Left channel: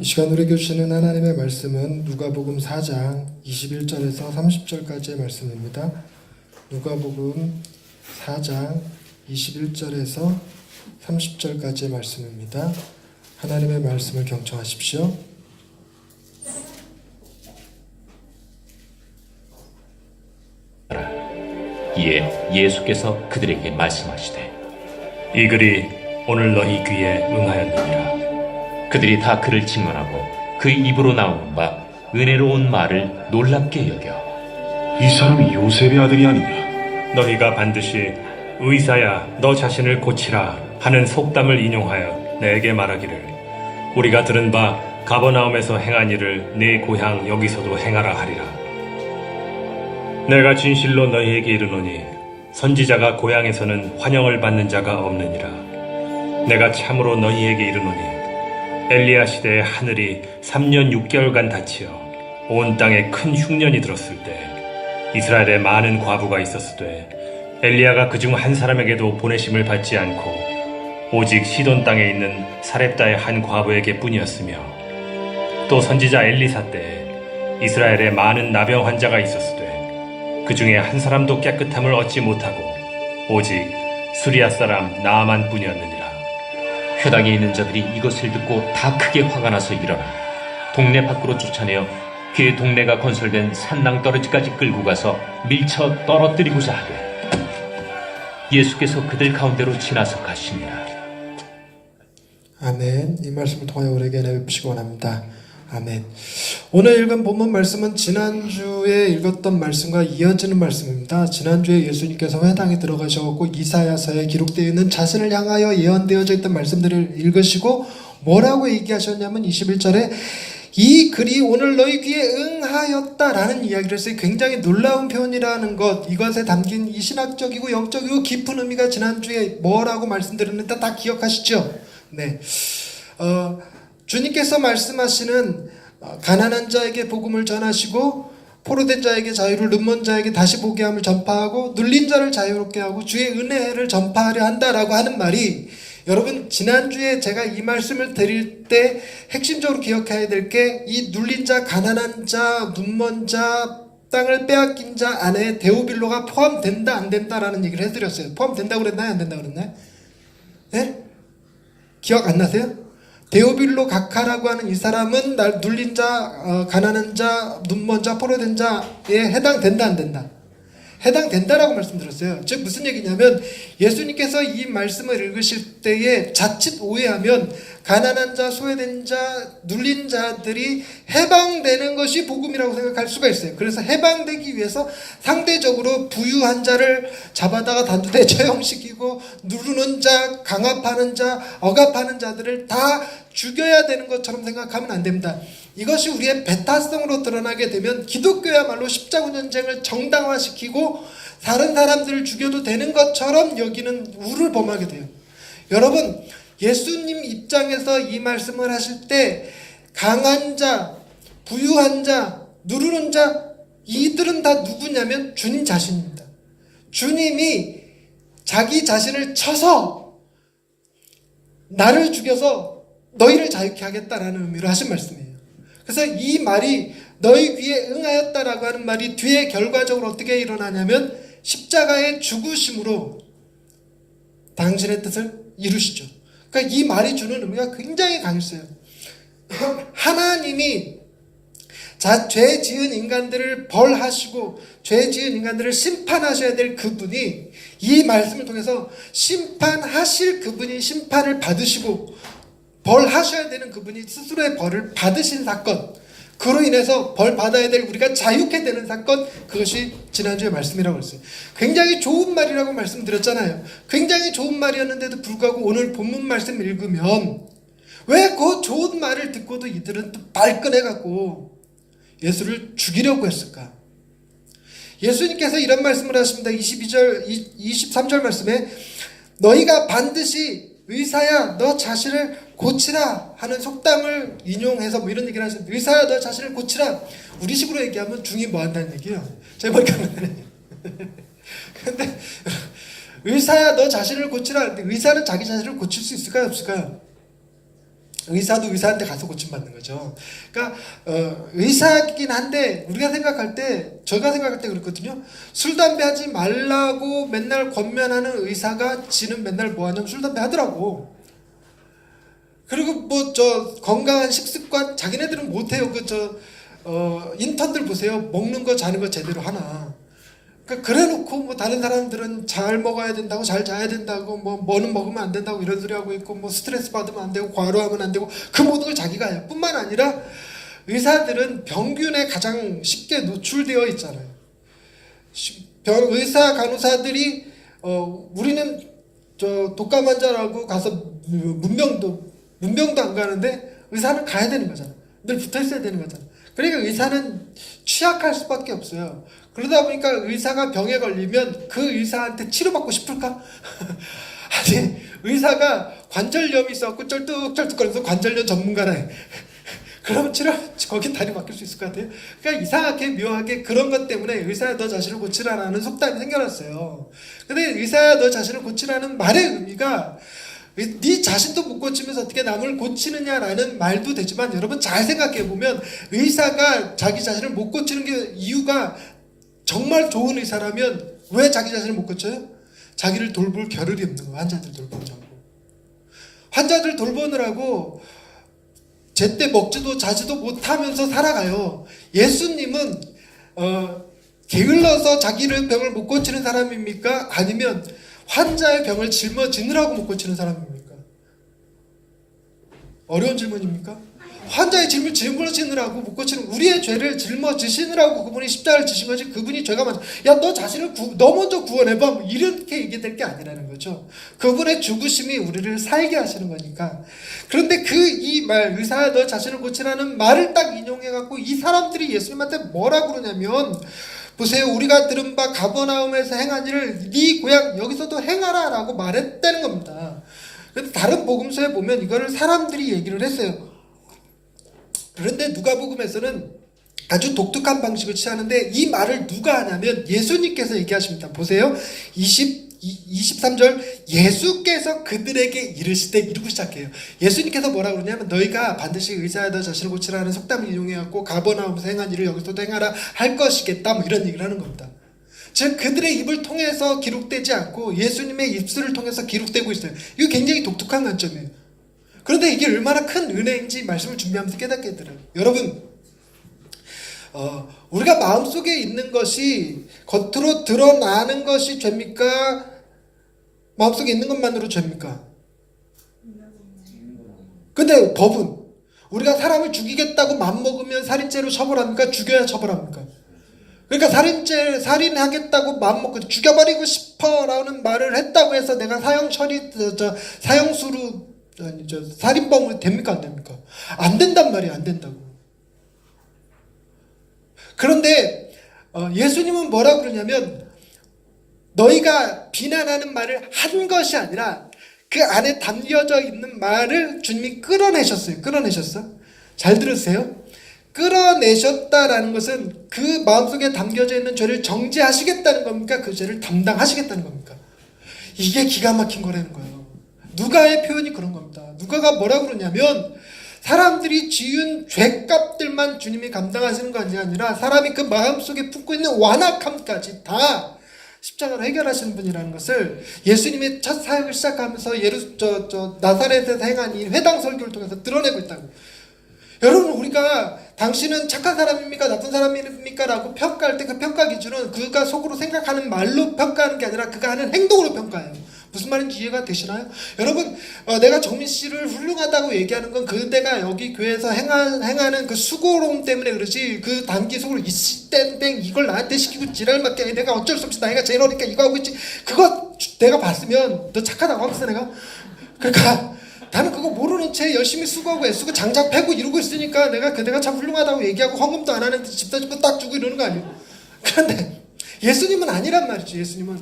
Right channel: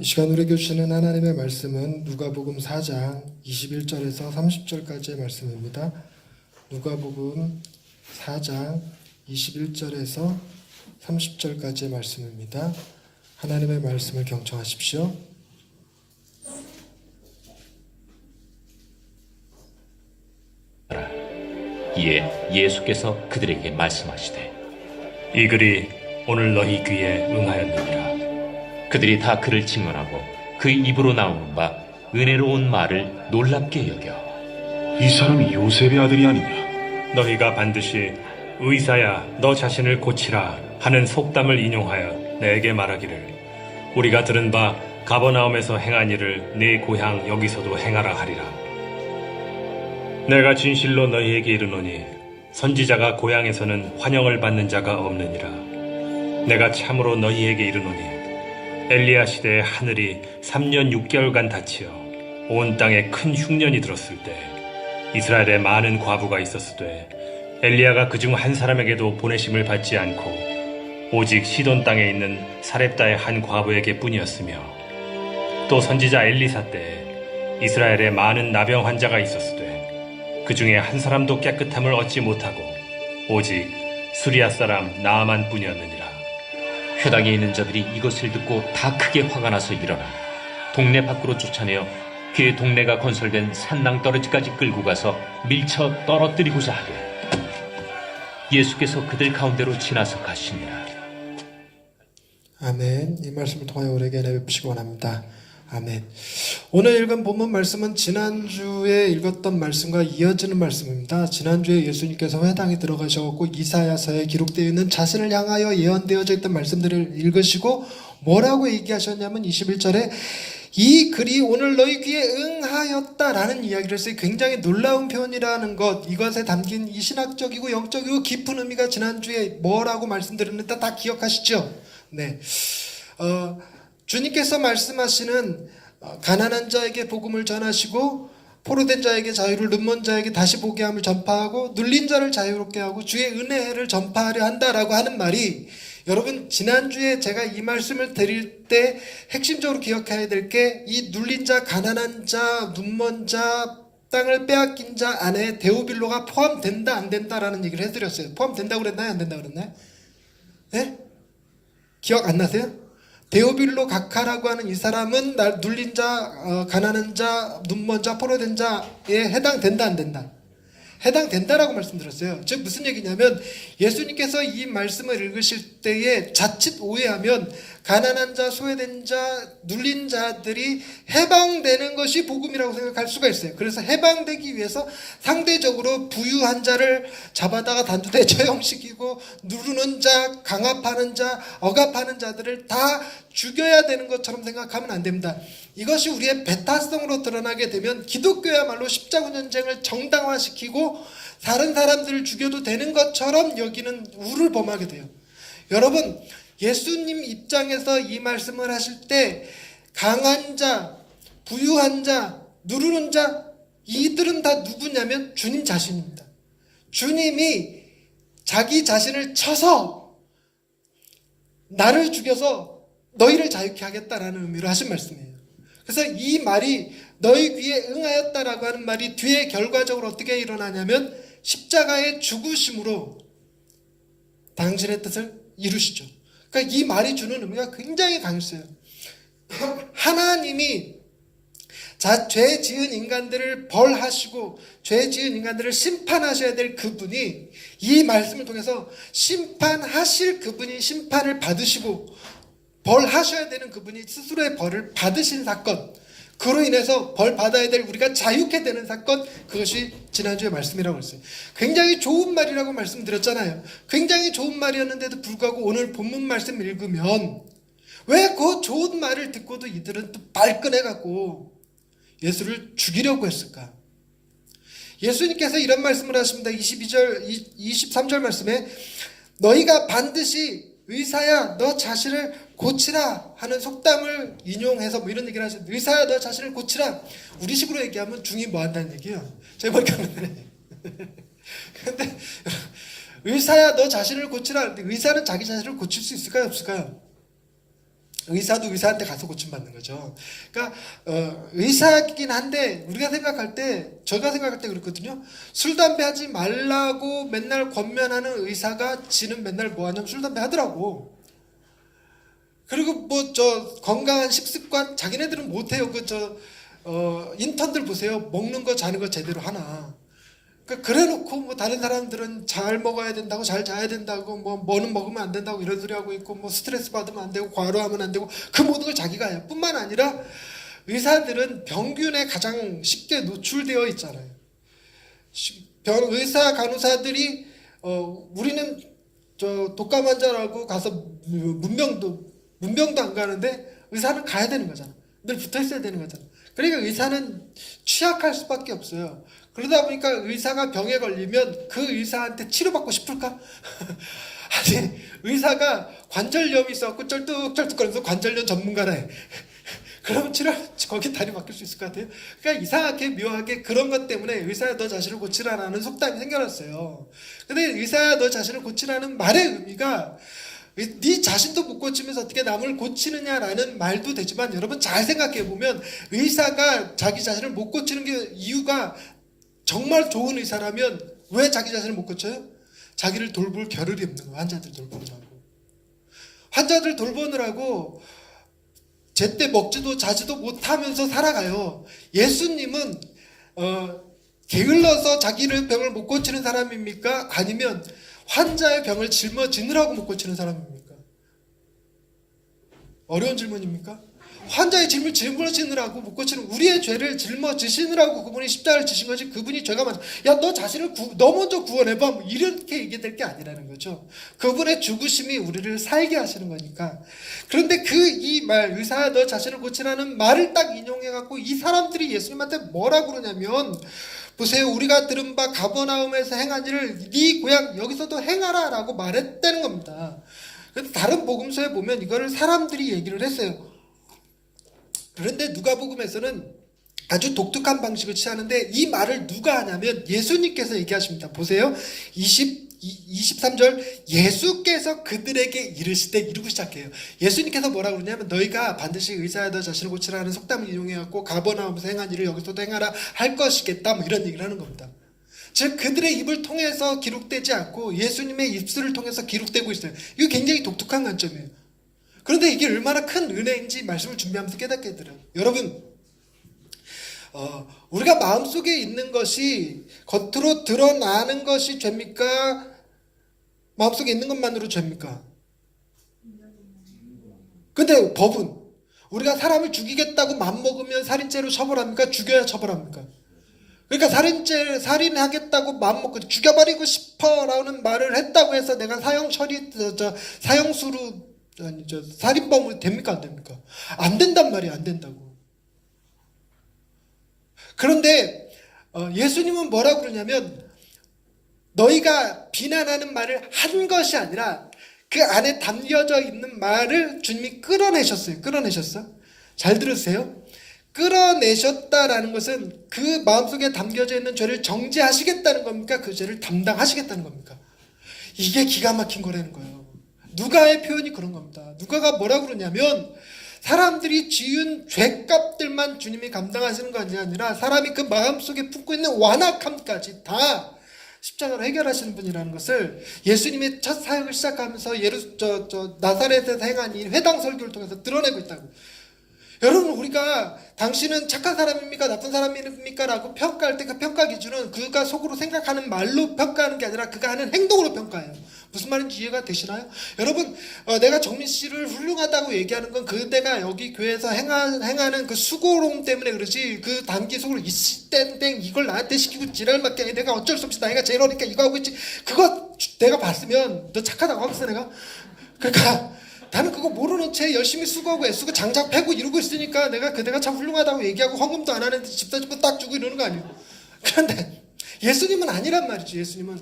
이 시간 우리에게 주시는 하나님의 말씀은 누가복음 4장 21절에서 30절까지의 말씀입니다. 누가복음 4장 21절에서 30절까지의 말씀입니다. 하나님의 말씀을 경청하십시오. 이에 예수께서 그들에게 말씀하시되 이 글이 오늘 너희 귀에 응하였느니라. 그들이 다 그를 직문하고 그 입으로 나오는 바 은혜로운 말을 놀랍게 여겨 이 사람이 요셉의 아들이 아니냐? 너희가 반드시 의사야 너 자신을 고치라 하는 속담을 인용하여 내게 말하기를 우리가 들은 바 가버나움에서 행한 일을 네 고향 여기서도 행하라 하리라. 내가 진실로 너희에게 이르노니 선지자가 고향에서는 환영을 받는 자가 없느니라. 내가 참으로 너희에게 이르노니 엘리야 시대에 하늘이 3년 6개월간 닫히어 온 땅에 큰 흉년이 들었을 때 이스라엘에 많은 과부가 있었으되 엘리야가 그중 한 사람에게도 보내심을 받지 않고 오직 시돈 땅에 있는 사렙다의 한 과부에게 뿐이었으며 또 선지자 엘리사 때에 이스라엘에 많은 나병 환자가 있었으되 그 중에 한 사람도 깨끗함을 얻지 못하고 오직 수리아 사람 나아만 뿐이었느니라. 회당에 있는 자들이 이것을 듣고 다 크게 화가 나서 일어나 동네 밖으로 쫓아내어 그 동네가 건설된 산낭떠러지까지 끌고 가서 밀쳐 떨어뜨리고자 하되 예수께서 그들 가운데로 지나서 가시니라. 아멘. 이 말씀을 통하여 우리에게 내be시기 원합니다. 아멘. 오늘 읽은 본문 말씀은 지난주에 읽었던 말씀과 이어지는 말씀입니다. 지난주에 예수님께서 회당에 들어가셔서 이사야서에 기록되어 있는 자신을 향하여 예언되어져 있던 말씀들을 읽으시고 뭐라고 얘기하셨냐면 21절에 이 글이 오늘 너희 귀에 응하였다라는 이야기를 했어요. 굉장히 놀라운 표현이라는 것, 이것에 담긴 이 신학적이고 영적이고 깊은 의미가 지난주에 뭐라고 말씀드렸는데 다 기억하시죠? 네. 주님께서 말씀하시는 가난한 자에게 복음을 전하시고 포로된 자에게 자유를, 눈먼 자에게 다시 보게 함을 전파하고 눌린 자를 자유롭게 하고 주의 은혜를 전파하려 한다라고 하는 말이, 여러분 지난주에 제가 이 말씀을 드릴 때 핵심적으로 기억해야 될 게 이 눌린 자, 가난한 자, 눈먼 자, 땅을 빼앗긴 자 안에 데오빌로가 포함된다 안 된다라는 얘기를 해드렸어요. 포함된다고 그랬나요? 안 된다고 그랬나요? 네? 기억 안 나세요? 데오빌로 각하라고 하는 이 사람은 눌린 자, 가난한 자, 눈먼 자, 포로된 자에 해당된다 안 된다? 해당된다라고 말씀드렸어요. 즉 무슨 얘기냐면 예수님께서 이 말씀을 읽으실 때에 자칫 오해하면 가난한 자, 소외된 자, 눌린 자들이 해방되는 것이 복음이라고 생각할 수가 있어요. 그래서 해방되기 위해서 상대적으로 부유한 자를 잡아다가 단두대 처형시키고 누르는 자, 강압하는 자, 억압하는 자들을 다 죽여야 되는 것처럼 생각하면 안 됩니다. 이것이 우리의 배타성으로 드러나게 되면 기독교야말로 십자군 전쟁을 정당화시키고 다른 사람들을 죽여도 되는 것처럼 여기는 우를 범하게 돼요. 여러분, 예수님 입장에서 이 말씀을 하실 때 강한 자, 부유한 자, 누르는 자, 이들은 다 누구냐면 주님 자신입니다. 주님이 자기 자신을 쳐서 나를 죽여서 너희를 자유케 하겠다라는 의미로 하신 말씀이에요. 그래서 이 말이 너희 귀에 응하였다라고 하는 말이 뒤에 결과적으로 어떻게 일어나냐면 십자가의 죽으심으로 당신의 뜻을 이루시죠. 그러니까 이 말이 주는 의미가 굉장히 강했어요. 하나님이 죄 지은 인간들을 벌하시고 죄 지은 인간들을 심판하셔야 될 그분이 이 말씀을 통해서 심판하실 그분이 심판을 받으시고 벌하셔야 되는 그분이 스스로의 벌을 받으신 사건, 그로 인해서 벌 받아야 될 우리가 자유케 되는 사건, 그것이 지난주의 말씀이라고 했어요. 굉장히 좋은 말이라고 말씀드렸잖아요. 굉장히 좋은 말이었는데도 불구하고 오늘 본문 말씀 읽으면 왜 그 좋은 말을 듣고도 이들은 또 발끈해갖고 예수를 죽이려고 했을까? 예수님께서 이런 말씀을 하십니다. 23절 말씀에 너희가 반드시 의사야 너 자신을 고치라 하는 속담을 인용해서 뭐 이런 얘기를 하시는데, 의사야 너 자신을 고치라, 우리식으로 얘기하면 중이 뭐 한다는 얘기예요. 제발 그러네. 근데 의사야 너 자신을 고치라. 근데 의사는 자기 자신을 고칠 수 있을까요, 없을까요? 의사도 의사한테 가서 고침받는 거죠. 그러니까 의사이긴 한데 우리가 생각할 때, 제가 생각할 때 그렇거든요. 술 담배 하지 말라고 맨날 권면하는 의사가 지는 맨날 뭐 하냐면 술 담배 하더라고. 그리고 뭐 저 건강한 식습관 자기네들은 못해요. 인턴들 보세요. 먹는 거 자는 거 제대로 하나. 그러니까 그래놓고 뭐 다른 사람들은 잘 먹어야 된다고, 잘 자야 된다고, 뭐는 먹으면 안 된다고 이런 소리 하고 있고, 뭐 스트레스 받으면 안 되고, 과로하면 안 되고, 그 모든 걸 자기가 해요. 뿐만 아니라 의사들은 병균에 가장 쉽게 노출되어 있잖아요. 의사 간호사들이 우리는 저 독감 환자라고 가서 문병도 안 가는데 의사는 가야 되는 거잖아. 늘 붙어 있어야 되는 거잖아. 그러니까 의사는 취약할 수밖에 없어요. 그러다 보니까 의사가 병에 걸리면 그 의사한테 치료받고 싶을까? 아니, 의사가 관절염이 있어갖고 쩔뚝쩔뚝거려서 관절염 전문가라 해. 그러면 거기 다리 맡길 수 있을 것 같아요. 그러니까 이상하게 묘하게 그런 것 때문에 의사야 너 자신을 고치라는 속담이 생겨났어요. 근데 의사야 너 자신을 고치라는 말의 의미가 네 자신도 못 고치면서 어떻게 남을 고치느냐라는 말도 되지만, 여러분 잘 생각해보면 의사가 자기 자신을 못 고치는 게 이유가 정말 좋은 의사라면 왜 자기 자신을 못 고쳐요? 자기를 돌볼 겨를이 없는 거예요. 환자들 돌보자고. 환자들 돌보느라고 제때 먹지도 자지도 못하면서 살아가요. 예수님은 게을러서 자기를 병을 못 고치는 사람입니까? 아니면 환자의 병을 짊어지느라고 못 고치는 사람입니까? 어려운 질문입니까? 환자의 짐을 짊어지느라고 못 고치는, 우리의 죄를 짊어지시느라고 그분이 십자가를 지신 거지, 그분이 죄가 많아. 야, 너 자신을 너 먼저 구원해봐. 뭐 이렇게 얘기될 게 아니라는 거죠. 그분의 죽으심이 우리를 살게 하시는 거니까. 그런데 이 말, 의사야 너 자신을 고치라는 말을 딱 인용해갖고 이 사람들이 예수님한테 뭐라고 그러냐면, 보세요. 우리가 들은 바 가버나움에서 행한 일을 네 고향 여기서도 행하라 라고 말했다는 겁니다. 그런데 다른 복음서에 보면 이거를 사람들이 얘기를 했어요. 그런데 누가복음에서는 아주 독특한 방식을 취하는데, 이 말을 누가 하냐면 예수님께서 얘기하십니다. 보세요. 23절, 예수께서 그들에게 이르시되, 이러고 시작해요. 예수님께서 뭐라고 그러냐면, 너희가 반드시 의사야 너 자신을 고치라는 속담을 이용해갖고 가버나움에서 행한 일을 여기서도 행하라 할 것이겠다, 뭐 이런 얘기를 하는 겁니다. 즉 그들의 입을 통해서 기록되지 않고 예수님의 입술을 통해서 기록되고 있어요. 이거 굉장히 독특한 관점이에요. 그런데 이게 얼마나 큰 은혜인지 말씀을 준비하면서 깨닫게 들어요. 여러분, 우리가 마음속에 있는 것이 겉으로 드러나는 것이 죄입니까? 마음속에 있는 것만으로 죄입니까? 근데 법은 우리가 사람을 죽이겠다고 마음먹으면 살인죄로 처벌합니까? 죽여야 처벌합니까? 그러니까 살인하겠다고 마음먹고 죽여버리고 싶어라는 말을 했다고 해서 내가 사형수로 살인범으로 됩니까? 안 됩니까? 안 된단 말이에요. 안 된다고. 그런데 예수님은 뭐라고 그러냐면, 너희가 비난하는 말을 한 것이 아니라 그 안에 담겨져 있는 말을 주님이 끌어내셨어요. 잘 들으세요. 끌어내셨다라는 것은 그 마음속에 담겨져 있는 죄를 정죄하시겠다는 겁니까? 그 죄를 담당하시겠다는 겁니까? 이게 기가 막힌 거라는 거예요. 누가의 표현이 그런 겁니다. 누가가 뭐라고 그러냐면, 사람들이 지은 죄값들만 주님이 감당하시는 것이 아니라 사람이 그 마음속에 품고 있는 완악함까지 다 십자가로 해결하시는 분이라는 것을 예수님의 첫 사역을 시작하면서 나사렛에서 행한 이 회당 설교를 통해서 드러내고 있다고. 여러분, 우리가 당신은 착한 사람입니까? 나쁜 사람입니까? 라고 평가할 때 그 평가 기준은 그가 속으로 생각하는 말로 평가하는 게 아니라 그가 하는 행동으로 평가해요. 무슨 말인지 이해가 되시나요? 여러분, 내가 정민 씨를 훌륭하다고 얘기하는 건 그대가 여기 교회에서 행하는 그 수고로움 때문에 그러지, 그 단기 속으로 이땡땡 이걸 나한테 시키고 지랄맞게 아니 내가 어쩔 수 없이 나이가 제일 어리니까 이거 하고 있지, 그거 내가 봤으면 너 착하다고 하겠어 내가? 그러니까 나는 그거 모르는 채 열심히 수고하고 애쓰고 장작 패고 이러고 있으니까 내가 참 훌륭하다고 얘기하고 헌금도 안 하는데 집사집도 딱 주고 이러는 거 아니에요? 그런데 예수님은 아니란 말이죠. 예수님은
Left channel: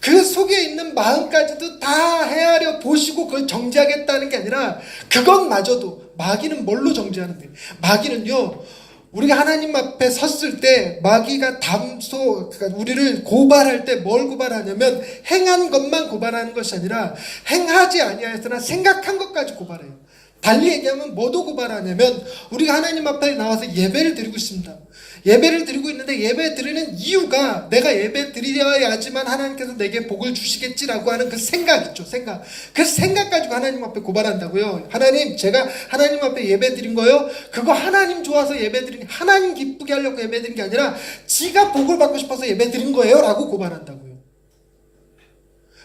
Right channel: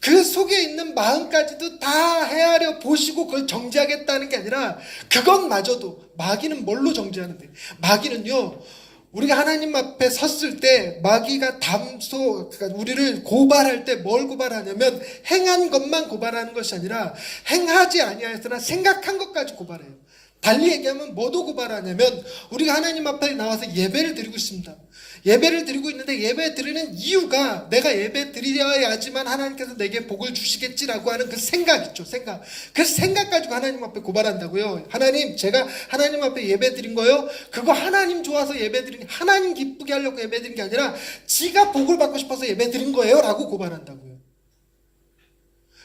그 속에 있는 마음까지도 다 헤아려 보시고 그걸 정죄하겠다는 게 아니라, 그것마저도, 마귀는 뭘로 정죄하는데? 마귀는요, 우리가 하나님 앞에 섰을 때 마귀가 그러니까 우리를 고발할 때 뭘 고발하냐면, 행한 것만 고발하는 것이 아니라 행하지 아니하였으나 생각한 것까지 고발해요. 달리 얘기하면 뭐도 고발하냐면 우리가 하나님 앞에 나와서 예배를 드리고 있습니다. 예배를 드리고 있는데 예배 드리는 이유가 내가 예배 드려야지만 하나님께서 내게 복을 주시겠지라고 하는 그 생각 있죠. 생각. 그 생각 가지고 하나님 앞에 고발한다고요. 하나님, 제가 하나님 앞에 예배 드린 거요. 그거 하나님 좋아서 예배 드린, 하나님 기쁘게 하려고 예배 드린 게 아니라 지가 복을 받고 싶어서 예배 드린 거예요. 라고 고발한다고요.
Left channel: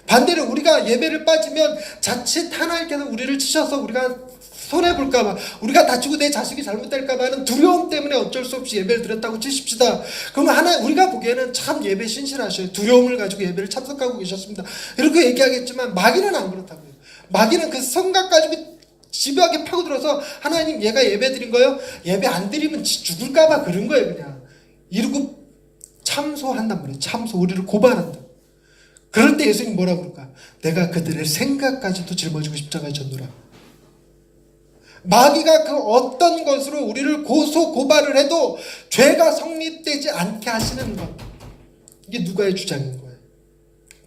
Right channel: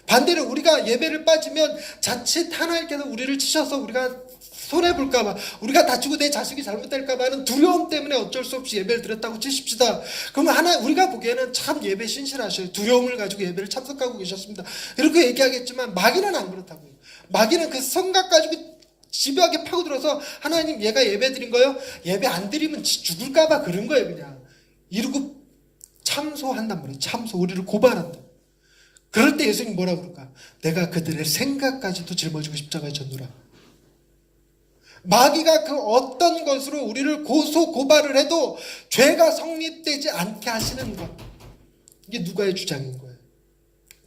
반대로 우리가 예배를 빠지면 자칫 하나님께서 우리를 치셔서 우리가 손해볼까봐, 우리가 다치고 내 자식이 잘못될까봐 하는 두려움 때문에 어쩔 수 없이 예배를 드렸다고 치십시다. 그러면 우리가 보기에는 참 예배 신실하셔요. 두려움을 가지고 예배를 참석하고 계셨습니다. 이렇게 얘기하겠지만 마귀는 안 그렇다고요. 마귀는 그 생각 가지고 집요하게 파고들어서 하나님, 얘가 예배 드린 거예요? 예배 안 드리면 죽을까봐 그런 거예요. 그냥 이러고 참소한단 말이에요. 참소, 우리를 고발한다. 그럴 때 예수님이 뭐라고 그럴까? 내가 그들의 생각까지도 짊어지고 십자가에 졌노라. 마귀가 그 어떤 것으로 우리를 고소 고발을 해도 죄가 성립되지 않게 하시는 것, 이게 누가의 주장인 거예요.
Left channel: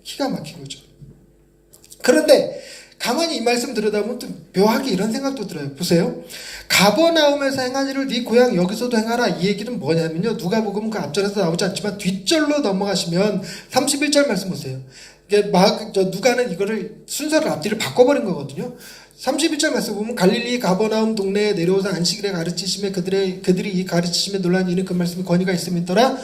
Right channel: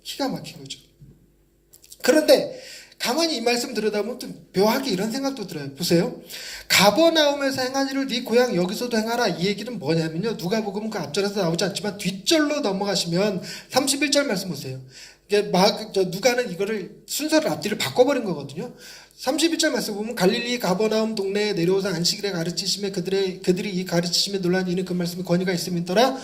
기가 막힌 거죠. 그런데 가만히 이 말씀 들여다보면 또 묘하게 이런 생각도 들어요. 보세요. 가버나움에서 행한 일을 네 고향 여기서도 행하라. 이 얘기는 뭐냐면요, 누가복음 그 앞절에서 나오지 않지만 뒷절로 넘어가시면 31절 말씀 보세요. 이게 누가는 이거를 순서를 앞뒤를 바꿔버린 거거든요. 31절 말씀 보면 갈릴리 가버나움 동네에 내려오사 안식일에 가르치시며 그들이 이 가르치시며 놀란 이는 그 말씀에 권위가 있음이더라.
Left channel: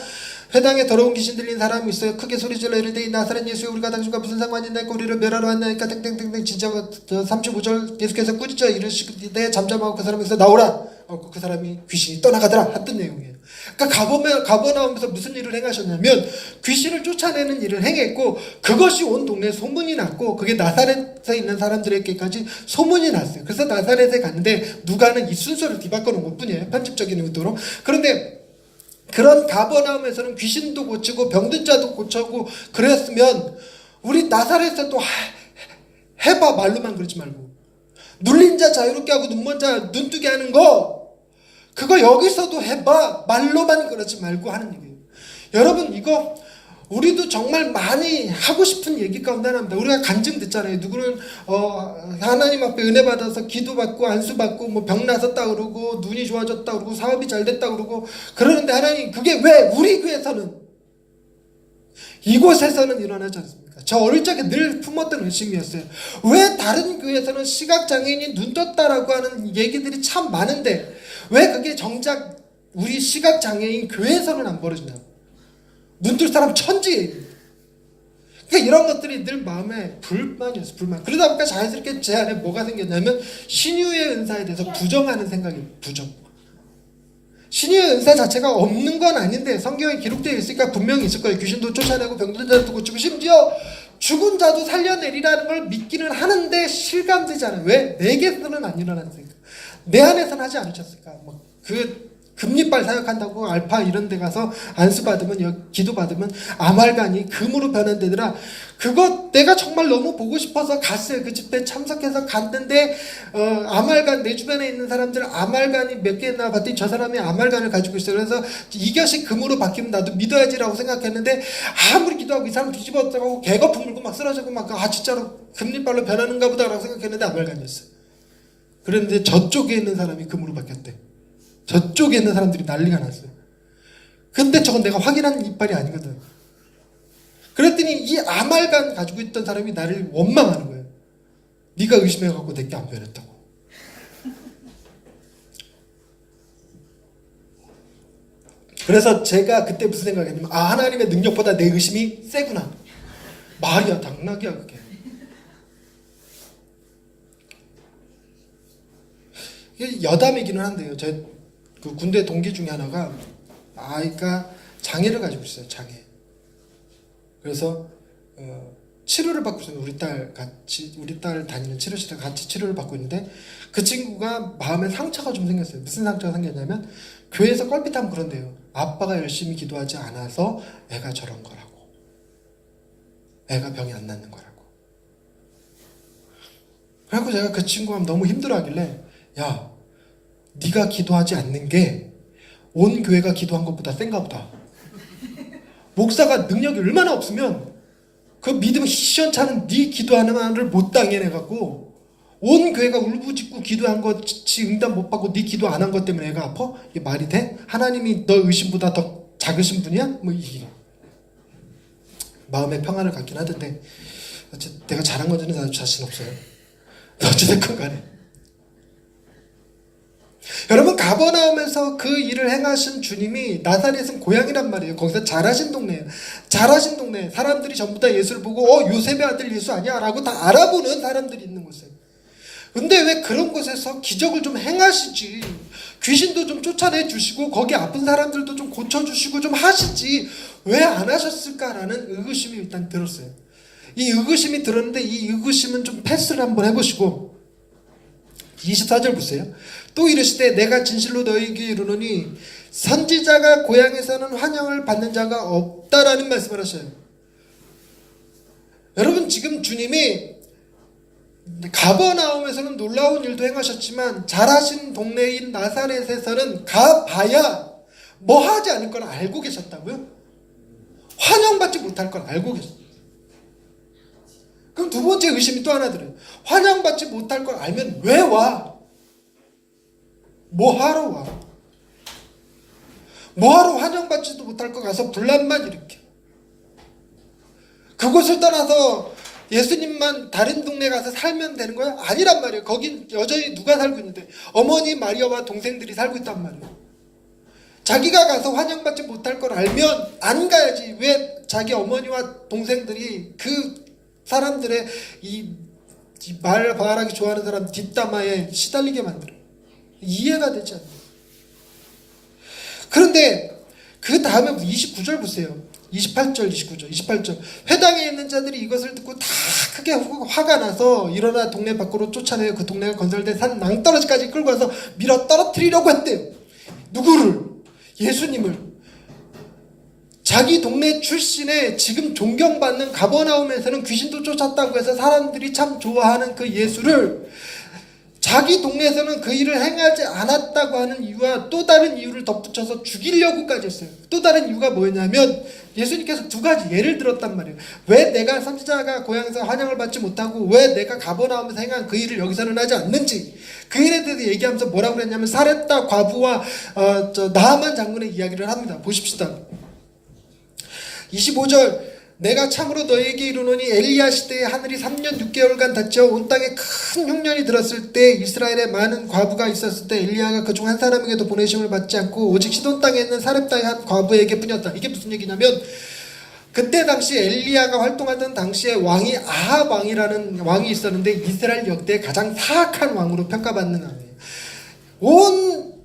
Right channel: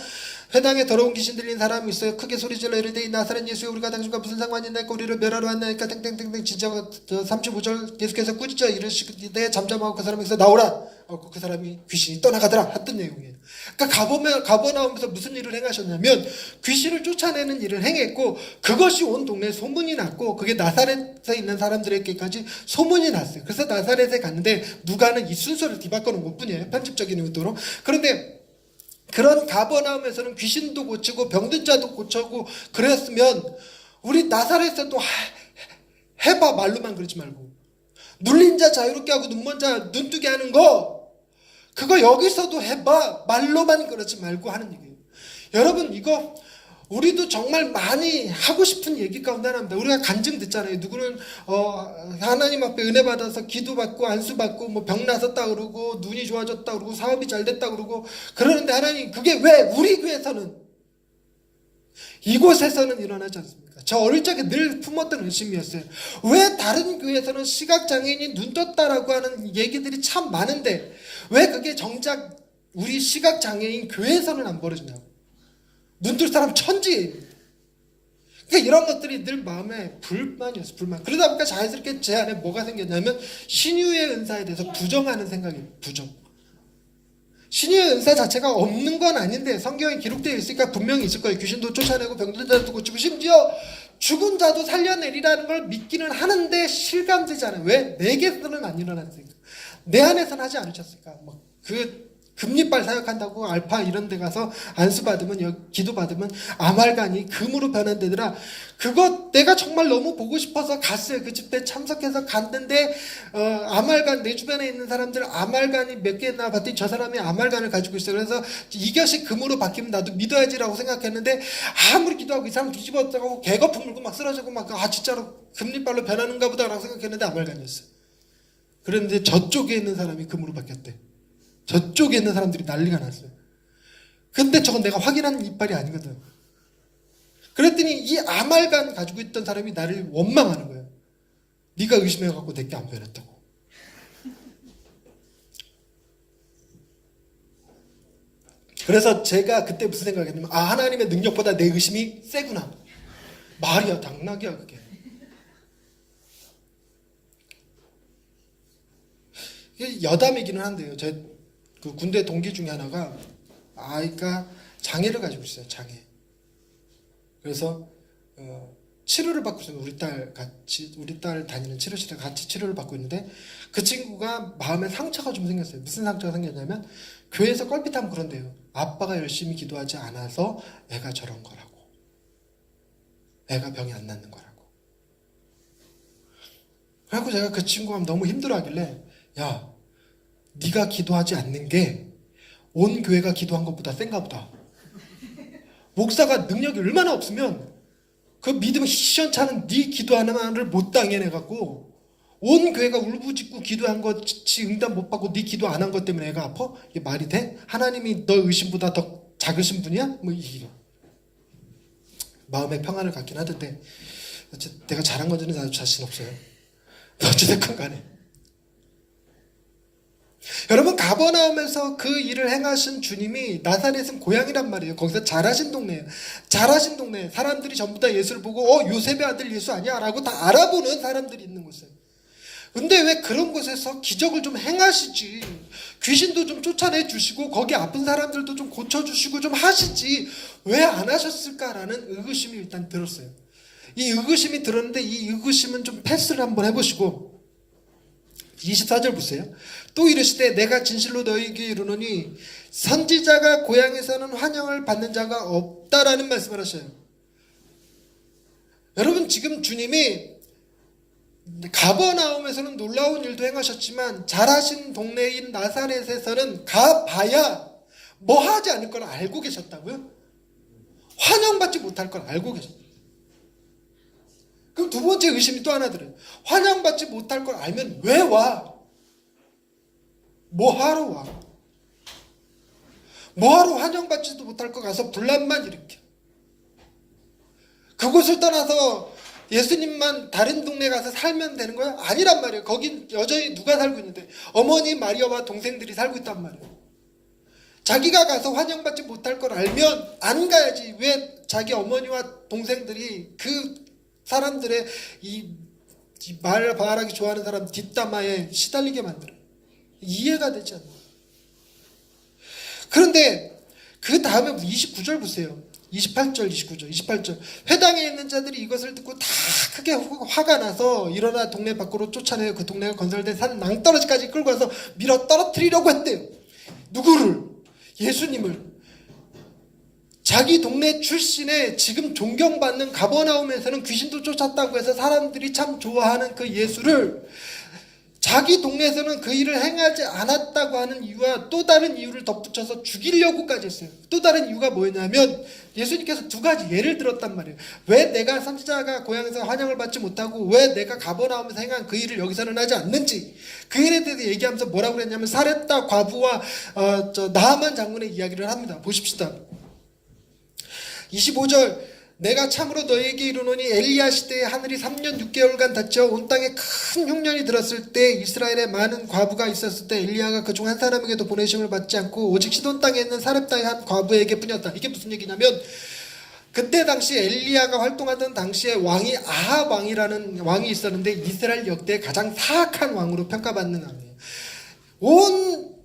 회당에 더러운 귀신 들린 사람이 있어요. 크게 소리질러 이르되 이 나사렛 예수여 우리가 당신과 무슨 상관이 있나이까 우리를 멸하러 왔나이까 땡땡땡땡. 진짜 35절 계속해서 꾸짖어 이르시되 잠잠하고 그 사람에서 나오라. 그 사람이 귀신이 떠나가더라 했던 내용이에요. 그러니까 가버나움에서 무슨 일을 행하셨냐면 귀신을 쫓아내는 일을 행했고, 그것이 온 동네에 소문이 났고, 그게 나사렛에 있는 사람들에게까지 소문이 났어요. 그래서 나사렛에 갔는데 누가는 이 순서를 뒤바꿔 놓은 것뿐이에요. 편집적인 의도로. 그런데 그런 가버나움에서는 귀신도 고치고 병든 자도 고치고 그랬으면 우리 나사렛에도 해봐. 말로만 그러지 말고 눌린 자 자유롭게 하고 눈먼 자 눈뜨게 하는 거, 그거 여기서도 해봐. 말로만 그러지 말고 하는 얘기예요. 여러분, 이거 우리도 정말 많이 하고 싶은 얘기 가운데 하나입니다. 우리가 간증 듣잖아요. 누구는 하나님 앞에 은혜 받아서 기도받고 안수받고 뭐 병 나섰다 그러고 눈이 좋아졌다 그러고 사업이 잘 됐다 그러고 그러는데 하나님, 그게 왜 우리 교회에서는, 이곳에서는 일어나지 않습니까? 저 어릴 적에 늘 품었던 의심이었어요. 왜 다른 교회에서는 시각장애인이 눈 떴다라고 하는 얘기들이 참 많은데 왜 그게 정작 우리 시각장애인 교회에서는 안 벌어지냐고. 눈 뜰 사람 천지예요. 그러니까 이런 것들이 늘 마음에 불만이었어요. 불만. 그러다 보니까 자연스럽게 제 안에 뭐가 생겼냐면 신유의 은사에 대해서 부정하는 생각이에요. 부정. 신유의 은사 자체가 없는 건 아닌데 성경에 기록되어 있으니까 분명히 있을 거예요. 귀신도 쫓아내고 병든 자도 고치고 심지어 죽은 자도 살려내리라는 걸 믿기는 하는데 실감되지 않아요. 왜? 내게서는 안 일어났으니까. 내 안에서는 하지 않으셨을까. 금리빨 사역한다고 알파 이런 데 가서 안수받으면, 기도받으면 아말간이 금으로 변환되더라. 그거 내가 정말 너무 보고 싶어서 갔어요. 그 집회 참석해서 갔는데 아말간, 내 주변에 있는 사람들 아말간이 몇 개 있나 봤더니 저 사람이 아말간을 가지고 있어요. 그래서 이것이 금으로 바뀌면 나도 믿어야지라고 생각했는데 아무리 기도하고 이 사람 뒤집어져가고 개거품 물고 막 쓰러지고 막 진짜로 금리빨로 변하는가 보다라고 생각했는데 아말간이었어요. 그런데 저쪽에 있는 사람이 금으로 바뀌었대. 저쪽에 있는 사람들이 난리가 났어요. 근데 저건 내가 확인한 이빨이 아니거든. 그랬더니 이 아말간 가지고 있던 사람이 나를 원망하는 거예요. 네가 의심해갖고 내게 안 변했다고. 그래서 제가 그때 무슨 생각을 했냐면, 하나님의 능력보다 내 의심이 세구나. 말이야, 당나귀야 그게. 이게 여담이기는 한데요. 그 군대 동기 중에 하나가 아이가 장애를 가지고 있어요. 장애. 그래서 치료를 받고 있어요. 우리 딸 다니는 치료실에 같이 치료를 받고 있는데 그 친구가 마음에 상처가 좀 생겼어요. 무슨 상처가 생겼냐면 교회에서 껄핏하면 그런데요. 아빠가 열심히 기도하지 않아서 애가 저런 거라고. 애가 병이 안 낫는 거라고. 그래갖고 제가 그 친구가 너무 힘들어하길래, 야, 네가 기도하지 않는 게 온 교회가 기도한 것보다 센가 보다. 목사가 능력이 얼마나 없으면 그 믿음 시원찮은 네 기도하는 한을 못 당해내갖고 온 교회가 울부짖고 기도한 것이 응답 못 받고 네 기도 안 한 것 때문에 애가 아파? 이게 말이 돼? 하나님이 너 의심보다 더 작으신 분이야? 뭐 이게 마음의 평안을 갖긴 하던데 어쨌든 내가 잘한 건지는 나도 자신 없어요. 어찌됐건 간에 여러분, 가버나움에서 그 일을 행하신 주님이 나사렛은 고향이란 말이에요. 거기서 잘하신 동네예요. 잘하신 동네. 사람들이 전부 다 예수를 보고 요셉의 아들 예수 아니야? 라고 다 알아보는 사람들이 있는 곳에. 근데 왜 그런 곳에서 기적을 좀 행하시지, 귀신도 좀 쫓아내 주시고 거기 아픈 사람들도 좀 고쳐주시고 좀 하시지 왜 안 하셨을까라는 의구심이 일단 들었어요. 이 의구심이 들었는데 이 의구심은 좀 패스를 한번 해보시고 24절 보세요. 또 이르시되 내가 진실로 너희에게 이르노니 선지자가 고향에서는 환영을 받는 자가 없다라는 말씀을 하셔요. 여러분, 지금 주님이 가버나움에서는 놀라운 일도 행하셨지만 잘하신 동네인 나사렛에서는 가봐야 뭐 하지 않을 걸 알고 계셨다고요? 환영받지 못할 걸 알고 계셨어요. 그럼 두 번째 의심이 또 하나 들어요. 환영받지 못할 걸 알면 왜 와? 뭐 하러 와? 뭐 하러 환영받지도 못할 거 가서 분란만 일으켜? 그곳을 떠나서 예수님만 다른 동네 가서 살면 되는 거야? 아니란 말이에요. 거긴 여전히 누가 살고 있는데 어머니 마리아와 동생들이 살고 있단 말이에요. 자기가 가서 환영받지 못할 걸 알면 안 가야지. 왜 자기 어머니와 동생들이 그 사람들의 이 말하기 좋아하는 사람 뒷담화에 시달리게 만들어요. 이해가 되지 않아요. 그런데 그 다음에 29절 보세요. 28절, 29절, 28절. 회당에 있는 자들이 이것을 듣고 다 크게 화가 나서 일어나 동네 밖으로 쫓아내어 그 동네가 건설된 산 낭떠러지까지 끌고 와서 밀어 떨어뜨리려고 했대요. 누구를? 예수님을. 자기 동네 출신의 지금 존경받는 가버나움에서는 귀신도 쫓았다고 해서 사람들이 참 좋아하는 그 예수를 자기 동네에서는 그 일을 행하지 않았다고 하는 이유와 또 다른 이유를 덧붙여서 죽이려고까지 했어요. 또 다른 이유가 뭐였냐면 예수님께서 두 가지 예를 들었단 말이에요. 왜 내가 선지자가 고향에서 환영을 받지 못하고 왜 내가 가버나움에서 행한 그 일을 여기서는 하지 않는지, 그 일에 대해서 얘기하면서 뭐라고 그랬냐면 사렙다 과부와 나하만 장군의 이야기를 합니다. 보십시다. 25절. 내가 참으로 너에게 이르노니 엘리야 시대에 하늘이 3년 6개월간 닫혀 온 땅에 큰 흉년이 들었을 때 이스라엘에 많은 과부가 있었을 때 엘리야가 그중 한 사람에게도 보내심을 받지 않고 오직 시돈 땅에 있는 사렙다의 한 과부에게 뿐이었다. 이게 무슨 얘기냐면 그때 당시 엘리야가 활동하던 당시에 왕이 아합 왕이라는 왕이 있었는데 이스라엘 역대 가장 사악한 왕으로 평가받는 왕이에요. 온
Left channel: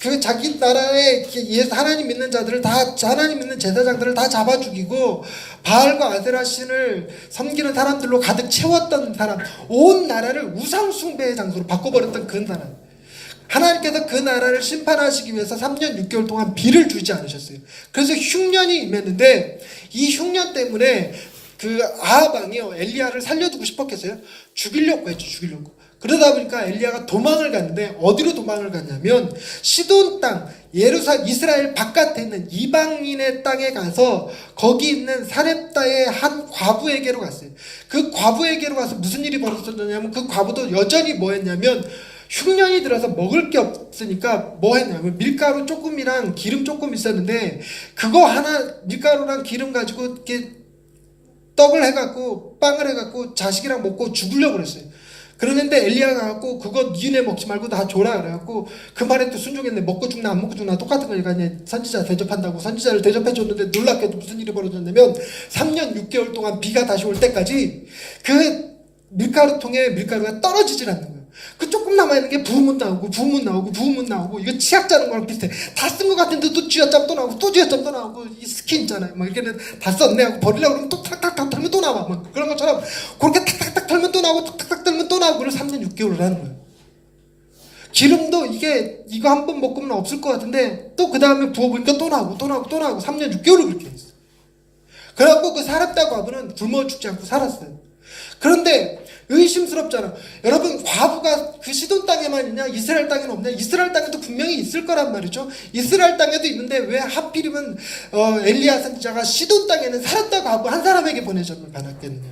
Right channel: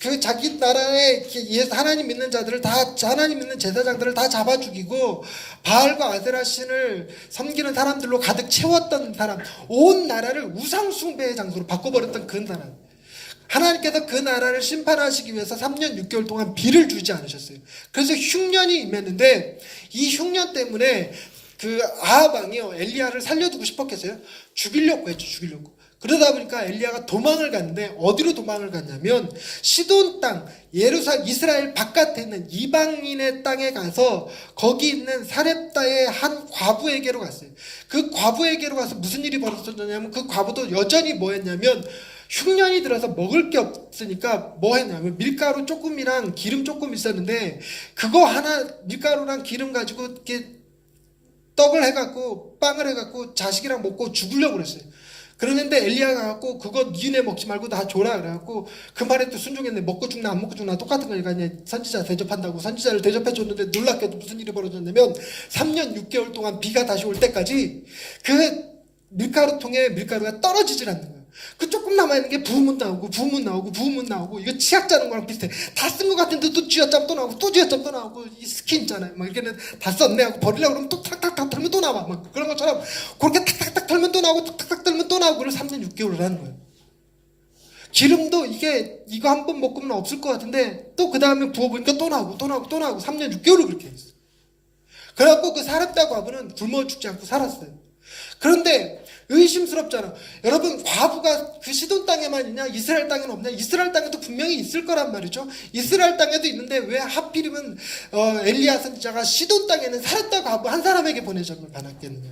그 자기 나라의 하나님 믿는 자들을 다, 하나님 믿는 제사장들을 다 잡아 죽이고 바알과 아세라 신을 섬기는 사람들로 가득 채웠던 사람, 온 나라를 우상 숭배의 장소로 바꿔버렸던 그 나라. 하나님께서 그 나라를 심판하시기 위해서 3년 6개월 동안 비를 주지 않으셨어요. 그래서 흉년이 임했는데 이 흉년 때문에 그 아합 왕이요, 엘리야를 살려두고 싶었겠어요? 죽이려고 했죠. 죽이려고. 그러다 보니까 엘리야가 도망을 갔는데 어디로 도망을 갔냐면 시돈 땅, 이스라엘 바깥에 있는 이방인의 땅에 가서 거기 있는 사렙다의 한 과부에게로 갔어요. 그 과부에게로 가서 무슨 일이 벌어졌냐면 그 과부도 여전히 뭐 했냐면 흉년이 들어서 먹을 게 없으니까 뭐 했냐면 밀가루 조금이랑 기름 조금 있었는데 그거 하나 밀가루랑 기름 가지고 이렇게 떡을 해갖고 빵을 해갖고 자식이랑 먹고 죽으려고 그랬어요. 그러는데 엘리야가 갖고 그거 니네 먹지 말고 다 줘라 그래갖고 그 말에 또 순종했네. 먹고 죽나 안 먹고 죽나 똑같은 거니까 선지자 대접한다고 선지자를 대접해줬는데 놀랍게도 무슨 일이 벌어졌냐면 3년 6개월 동안 비가 다시 올 때까지 그 밀가루통에 밀가루가 떨어지질 않는 거예요. 그 조금 남아있는 게 부으면 나오고 이거 치약 짜는 거랑 비슷해. 다 쓴 것 같은데 또 쥐어짜면 또 나오고 또 쥐어짜면 또 나오고 이 스킨 있잖아요. 뭐 이렇게는 다 썼네 하고 버리려고 그러면 또 탁탁탁 털면 또 나와. 뭐 그런 것처럼 그렇게 탁탁탁 털면 또 나오고 탁탁탁 털면 또 나오고 그걸 3년 6개월을 하는 거예요. 기름도 이거 한 번 먹으면 없을 것 같은데 또 그 다음에 부어보니까 또 나오고 3년 6개월을 그렇게 했어요. 그래갖고 그 사렙다 과부는 굶어 죽지 않고 살았어요. 그런데 의심스럽잖아. 여러분, 과부가 그 시돈 땅에만 있냐? 이스라엘 땅에는 없냐? 이스라엘 땅에도 분명히 있을 거란 말이죠. 이스라엘 땅에도 있는데 왜 하필이면 엘리야 선지자가 시돈 땅에는 사렙다 과부 한 사람에게 보내심을 받았겠느냐?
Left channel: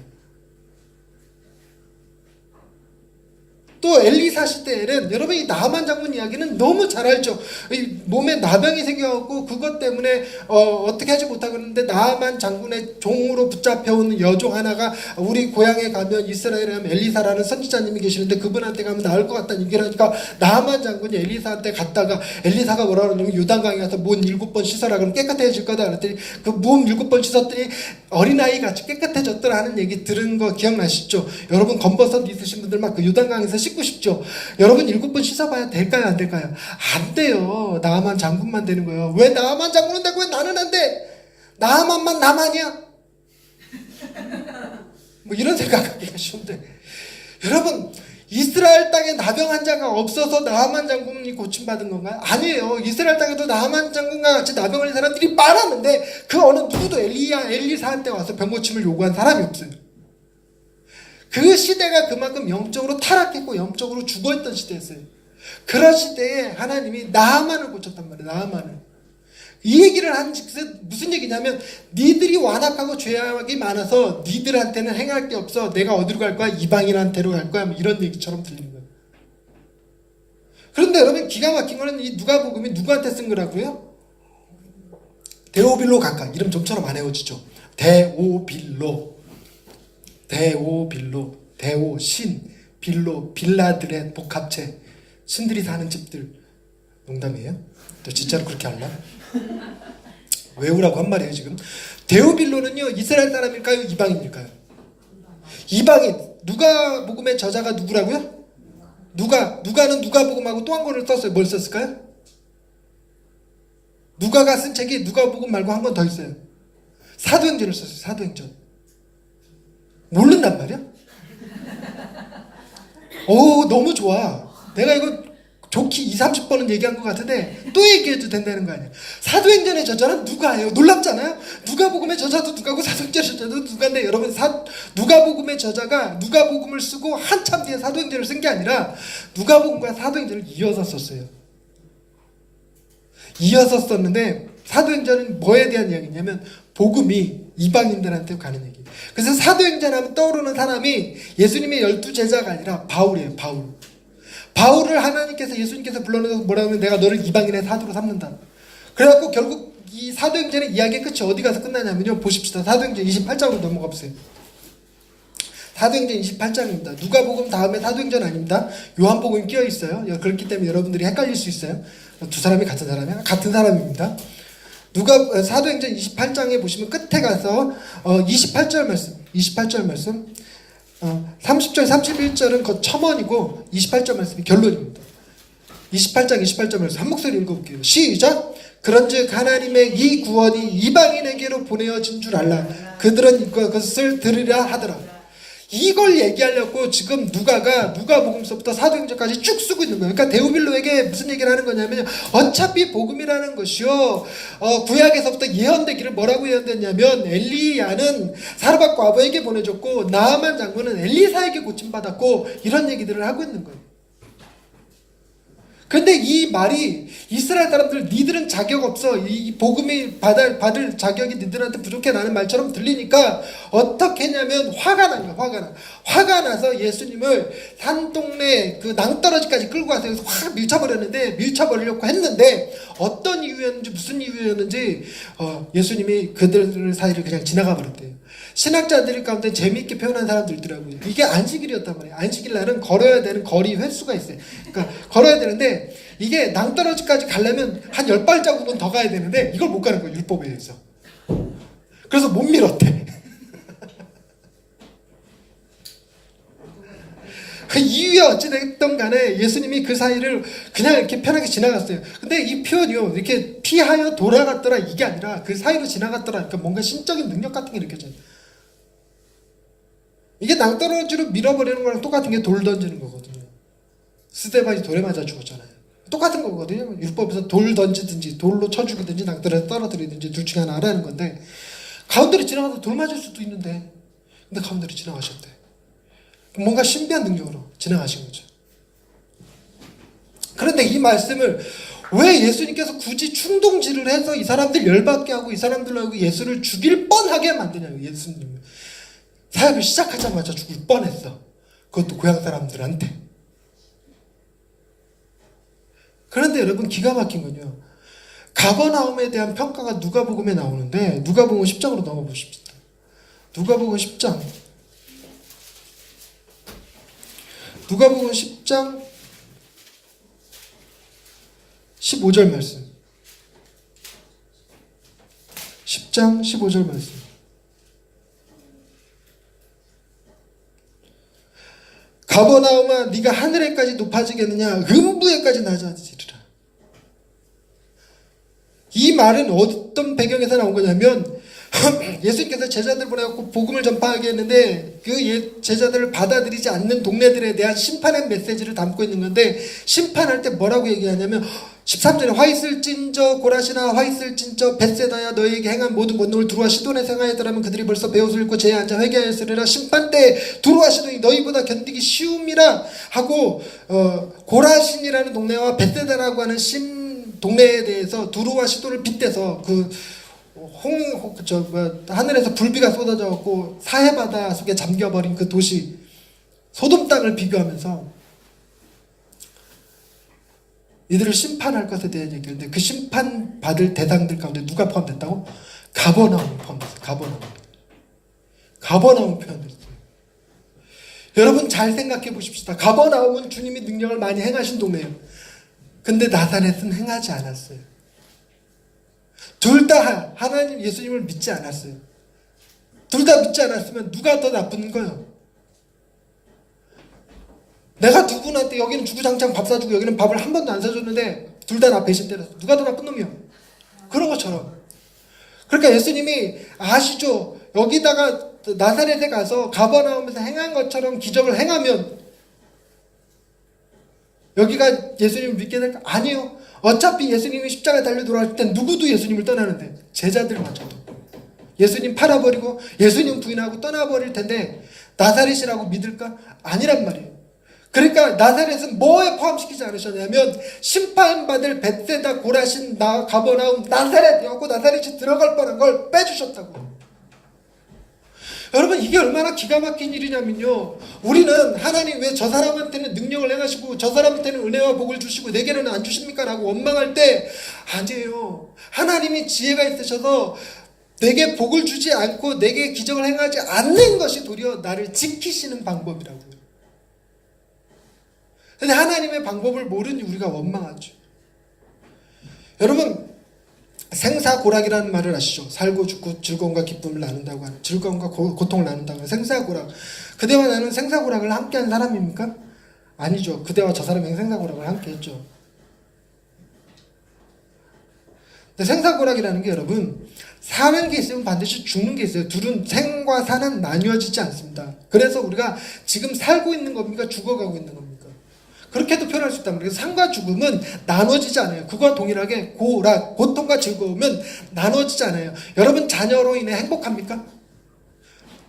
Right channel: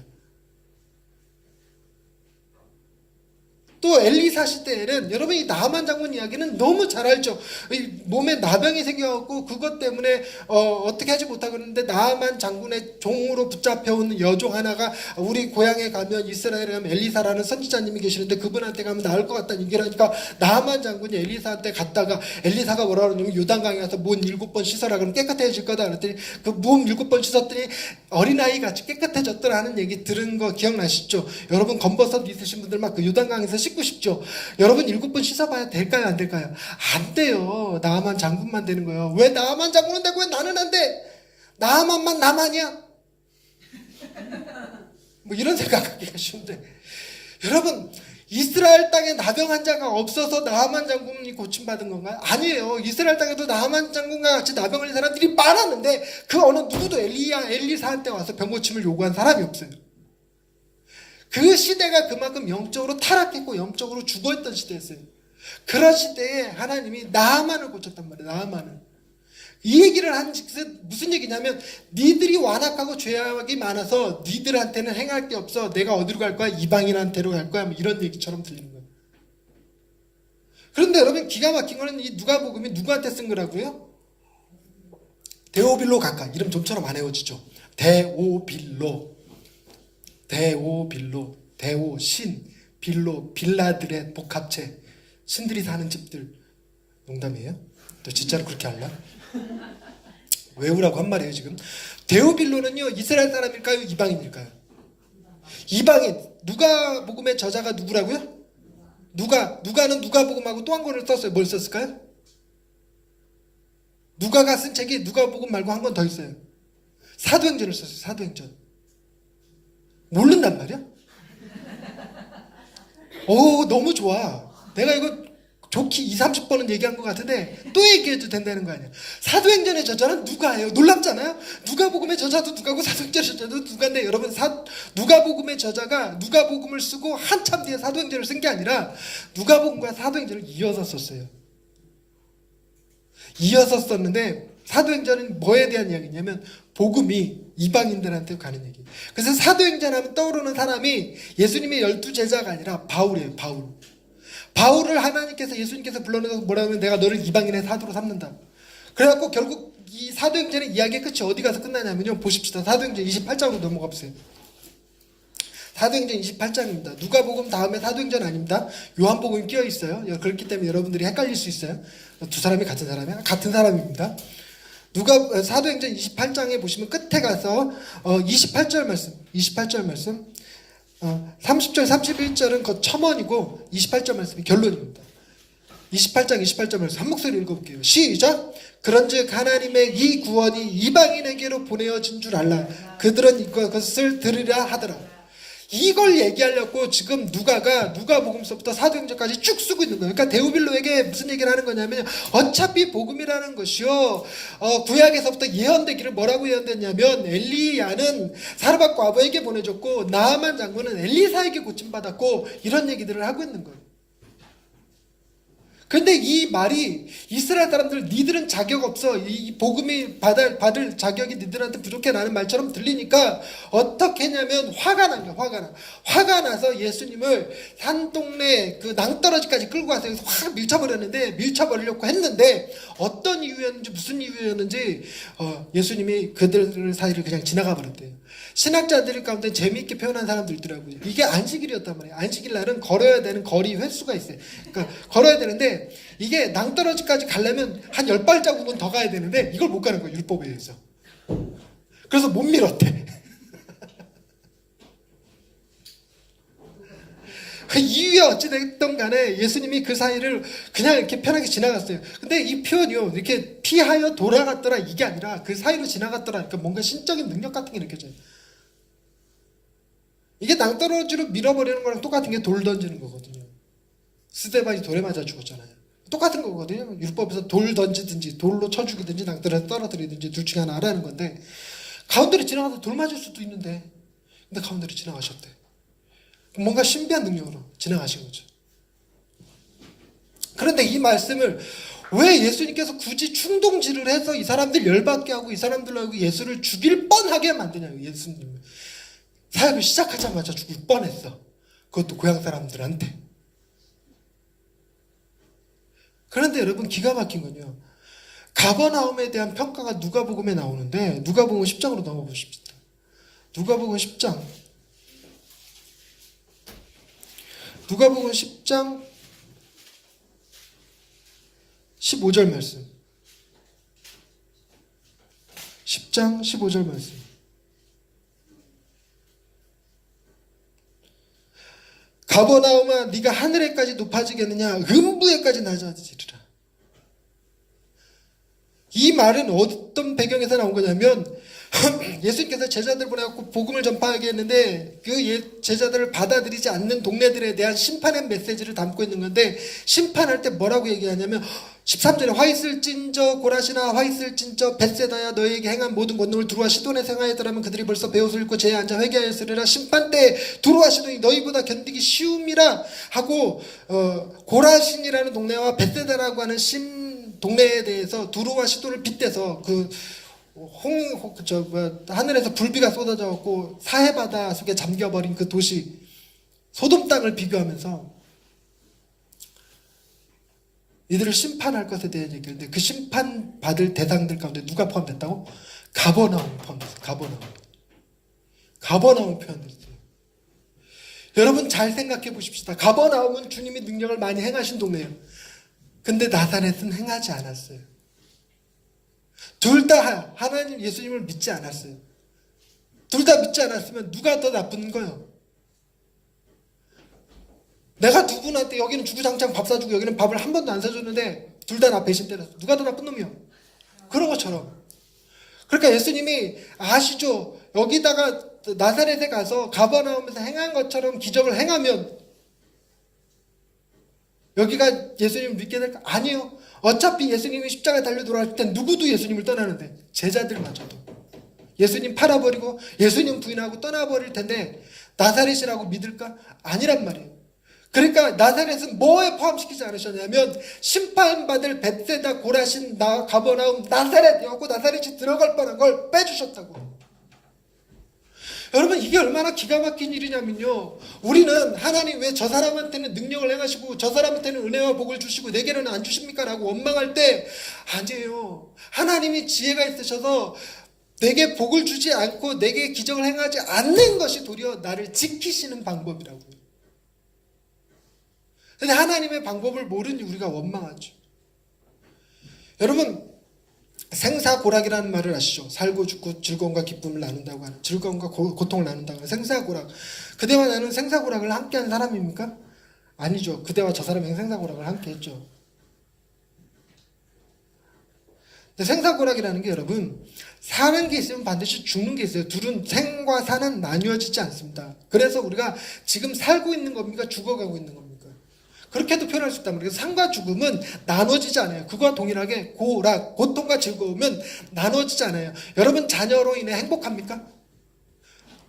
또 엘리사 시대에는 여러분 이 나만 장군 이야기는 너무 잘 알죠. 이 몸에 나병이 생겨갖고 그것 때문에 어떻게 하지 못하고 있는데 나만 장군의 종으로 붙잡혀온 여종 하나가 우리 고향에 가면 이스라엘에 가면 엘리사라는 선지자님이 계시는데 그분한테 가면 나을 것 같다는 얘기를 하니까 나만 장군이 엘리사한테 갔다가 엘리사가 뭐라 그러냐면 요단강에 가서 몸 7번 씻어라 그러면 깨끗해질 거다 그랬더니 그 몸 7번 씻었더니 어린아이 같이 깨끗해졌더라 하는 얘기 들은 거 기억나시죠? 여러분 검버섯 있으신 분들 막 그 요단강에서 씻고 싶죠? 여러분 7번 씻어봐야 될까요? 안 될까요? 안 돼요. 나만 장군만 되는 거예요. 왜 나만 장군은 되고 왜 나는 안 돼? 나만만 나만이야? 뭐 이런 생각하기가 쉬운데 여러분 이스라엘 땅에 나병 환자가 없어서 나만 장군이 고침받은 건가요? 아니에요. 이스라엘 땅에도 나만 장군과 같이 나병 걸린 사람들이 많았는데 그 어느 누구도 엘리사한테 와서 병 고침을 요구한 사람이 없어요. 그 시대가 그만큼 영적으로 타락했고 영적으로 죽어있던 시대였어요. 그런 시대에 하나님이 나만을 고쳤단 말이에요. 나만을. 이 얘기를 한 즉슨 무슨 얘기냐면 니들이 완악하고 죄악이 많아서 니들한테는 행할 게 없어. 내가 어디로 갈 거야? 이방인한테로 갈 거야. 뭐 이런 얘기처럼 들리는 거예요. 그런데 여러분 기가 막힌 거는 이 누가복음이 누구한테 쓴 거라고요? 데오빌로 각하. 이름 좀처럼 안 외워지죠. 데오빌로. 데오, 신, 빌로, 빌라들의 복합체. 신들이 사는 집들. 농담이에요? 또 진짜로 그렇게 할라? 외우라고 한 말이에요 지금. 데오빌로는요 이스라엘 사람일까요? 이방인일까요? 이방인. 누가복음의 저자가 누구라고요? 누가는 누가복음하고 또 한 권을 썼어요. 뭘 썼을까요? 누가가 쓴 책이 누가복음 말고 한 권 더 있어요. 사도행전을 썼어요. 사도행전. 모른단 말이야? 오 너무 좋아. 내가 이거 좋게 20-30번은 얘기한 것 같은데 또 얘기해도 된다는 거 아니야. 사도행전의 저자는 누가예요? 놀랍잖아요. 누가복음의 저자도 누가고 사도행전의 저자도 누가인데 여러분 누가복음의 저자가 누가복음을 쓰고 한참 뒤에 사도행전을 쓴 게 아니라 누가복음과 사도행전을 이어서 썼어요. 이어서 썼는데 사도행전은 뭐에 대한 이야기냐면 복음이 이방인들한테 가는 얘기. 그래서 사도행전 하면 떠오르는 사람이 예수님의 12제자가 아니라 바울이에요. 바울을 하나님께서 예수님께서 불러내서 뭐라고 하면 내가 너를 이방인의 사도로 삼는다. 그래갖고 결국 이 사도행전의 이야기의 끝이 어디 가서 끝나냐면요. 보십시다. 사도행전 28장으로 넘어가 보세요. 사도행전 28장입니다. 누가복음 다음에 사도행전 아닙니다. 요한복음이 끼어 있어요. 그렇기 때문에 여러분들이 헷갈릴 수 있어요. 두 사람이 같은 사람이야? 같은 사람입니다. 사도행전 28장에 보시면 끝에 가서 28절 말씀 30절 31절은 그 첨언이고 28절 말씀이 결론입니다. 28장 28절 말씀 한 목소리 읽어볼게요. 시작. 그런즉 하나님의 이 구원이 이방인에게로 보내어진 줄 알라. 그들은 이것을 들으려 하더라. 이걸 얘기하려고 지금 누가복음서부터 사도행전까지 쭉 쓰고 있는 거예요. 그러니까 데오빌로에게 무슨 얘기를 하는 거냐면 어차피 복음이라는 것이요 구약에서부터 예언되기를 뭐라고 예언됐냐면 엘리야는 사르밧과 아버에게 보내줬고 나아만 장군은 엘리사에게 고침받았고 이런 얘기들을 하고 있는 거예요. 근데 이 말이 이스라엘 사람들 니들은 자격 없어. 이 복음이 받을 자격이 니들한테 부족해 라는 말처럼 들리니까 어떻게 했냐면 화가 난 거야. 화가 나서 예수님을 산동네 그 낭떠러지까지 끌고 가서 여기서 확 밀쳐버리려고 했는데 어떤 이유였는지 무슨 이유였는지 예수님이 그들 사이를 그냥 지나가 버렸대요. 신학자들 가운데 재미있게 표현한 사람들 있더라고요. 이게 안식일이었단 말이에요. 안식일 날은 걸어야 되는 거리 횟수가 있어요. 그러니까 걸어야 되는데 이게 낭떠러지까지 가려면 한 10발자국은 더 가야 되는데 이걸 못 가는 거예요. 율법에 의해서. 그래서 못 밀었대. 그 이유에 어찌됐든 간에 예수님이 그 사이를 그냥 이렇게 편하게 지나갔어요. 근데 이 표현이요. 이렇게 피하여 돌아갔더라 이게 아니라 그 사이로 지나갔더라. 그러니까 뭔가 신적인 능력 같은 게 느껴져요. 이게 낭떠러지로 밀어버리는 거랑 똑같은 게 돌 던지는 거거든요. 스데반이 돌에 맞아 죽었잖아요. 똑같은 거거든요. 율법에서 돌 던지든지 돌로 쳐 죽이든지 낭떠러지 떨어뜨리든지 둘 중에 하나 하라는 건데 가운데로 지나가서 돌 맞을 수도 있는데 근데 가운데로 지나가셨대. 뭔가 신비한 능력으로 지나가신 거죠. 그런데 이 말씀을 왜 예수님께서 굳이 충동질을 해서 이 사람들 열받게 하고 이 사람들하고 예수를 죽일 뻔하게 만드냐고. 예수님 사역을 시작하자마자 죽을 뻔했어. 그것도 고향 사람들한테. 그런데 여러분 기가 막힌 건요. 가버나움에 대한 평가가 누가복음에 나오는데 누가복음 10장으로 넘어보십시다. 누가복음 10장. 누가복음 10장 15절 말씀. 10장 15절 말씀. 가버나움아 네가 하늘에까지 높아지겠느냐 음부에까지 낮아지리라. 이 말은 어떤 배경에서 나온 거냐면 예수님께서 제자들 보내갖고 복음을 전파하게 했는데 그 제자들을 받아들이지 않는 동네들에 대한 심판의 메시지를 담고 있는 건데, 심판할 때 뭐라고 얘기하냐면 13절에 화 있을진저 고라시나 화 있을진저 벳세다야 너희에게 행한 모든 권능을 두루와 시돈에서 행하였더라면 그들이 벌써 배옷을 입고 제에 앉아 회개하였으리라. 심판 때 두루와 시돈이 너희보다 견디기 쉬움이라 하고 고라신이라는 동네와 벳세다라고 하는 동네에 대해서 두루와 시돈을 빗대서 하늘에서 불비가 쏟아져갖고 사해바다 속에 잠겨버린 그 도시 소돔 땅을 비교하면서 이들을 심판할 것에 대한 얘기인데, 그 심판받을 대상들 가운데 누가 포함됐다고? 가버나움이 포함됐어요. 가버나움이 포함됐어요. 여러분 잘 생각해 보십시다. 가버나움은 주님이 능력을 많이 행하신 동네예요. 근데 나사렛은 행하지 않았어요. 둘 다 하나님 예수님을 믿지 않았어요. 둘 다 믿지 않았으면 누가 더 나쁜 거예요? 내가 누구한테 여기는 주구장창 밥 사주고 여기는 밥을 한 번도 안 사줬는데 둘 다 나 배신 때렸어. 누가 더 나쁜 놈이야? 그런 것처럼. 그러니까 예수님이 아시죠? 여기다가 나사렛에 가서 가버나움에서 행한 것처럼 기적을 행하면 여기가 예수님을 믿게 될까? 아니요. 어차피 예수님이 십자가에 달려 돌아갈 때 누구도 예수님을 떠나는데 제자들마저도 예수님 팔아버리고 예수님 부인하고 떠나버릴 텐데 나사렛이라고 믿을까? 아니란 말이에요. 그러니까 나사렛은 뭐에 포함시키지 않으셨냐면 심판받을 벳세다 고라신 가버나움 나사렛이라고 나사렛이 들어갈 뻔한 걸 빼주셨다고요. 여러분 이게 얼마나 기가 막힌 일이냐면요, 우리는 하나님 왜 저 사람한테는 능력을 행하시고 저 사람한테는 은혜와 복을 주시고 내게는 안 주십니까? 라고 원망할 때 아니에요. 하나님이 지혜가 있으셔서 내게 복을 주지 않고 내게 기적을 행하지 않는 것이 도리어 나를 지키시는 방법이라고요. 근데 하나님의 방법을 모르니 우리가 원망하죠. 여러분 생사고락이라는 말을 아시죠? 살고 죽고 즐거움과 기쁨을 나눈다고 하는, 즐거움과 고통을 나눈다고 하는 생사고락. 그대와 나는 생사고락을 함께한 사람입니까? 아니죠. 그대와 저 사람이 생사고락을 함께했죠. 근데 생사고락이라는 게 여러분 사는 게 있으면 반드시 죽는 게 있어요. 둘은 생과 사는 나뉘어지지 않습니다. 그래서 우리가 지금 살고 있는 겁니까? 죽어가고 있는 겁니까? 그렇게도 표현할 수 있단 말이에요. 삶과 죽음은 나눠지지 않아요. 그거와 동일하게 고통과 즐거움은 나눠지지 않아요. 여러분 자녀로 인해 행복합니까?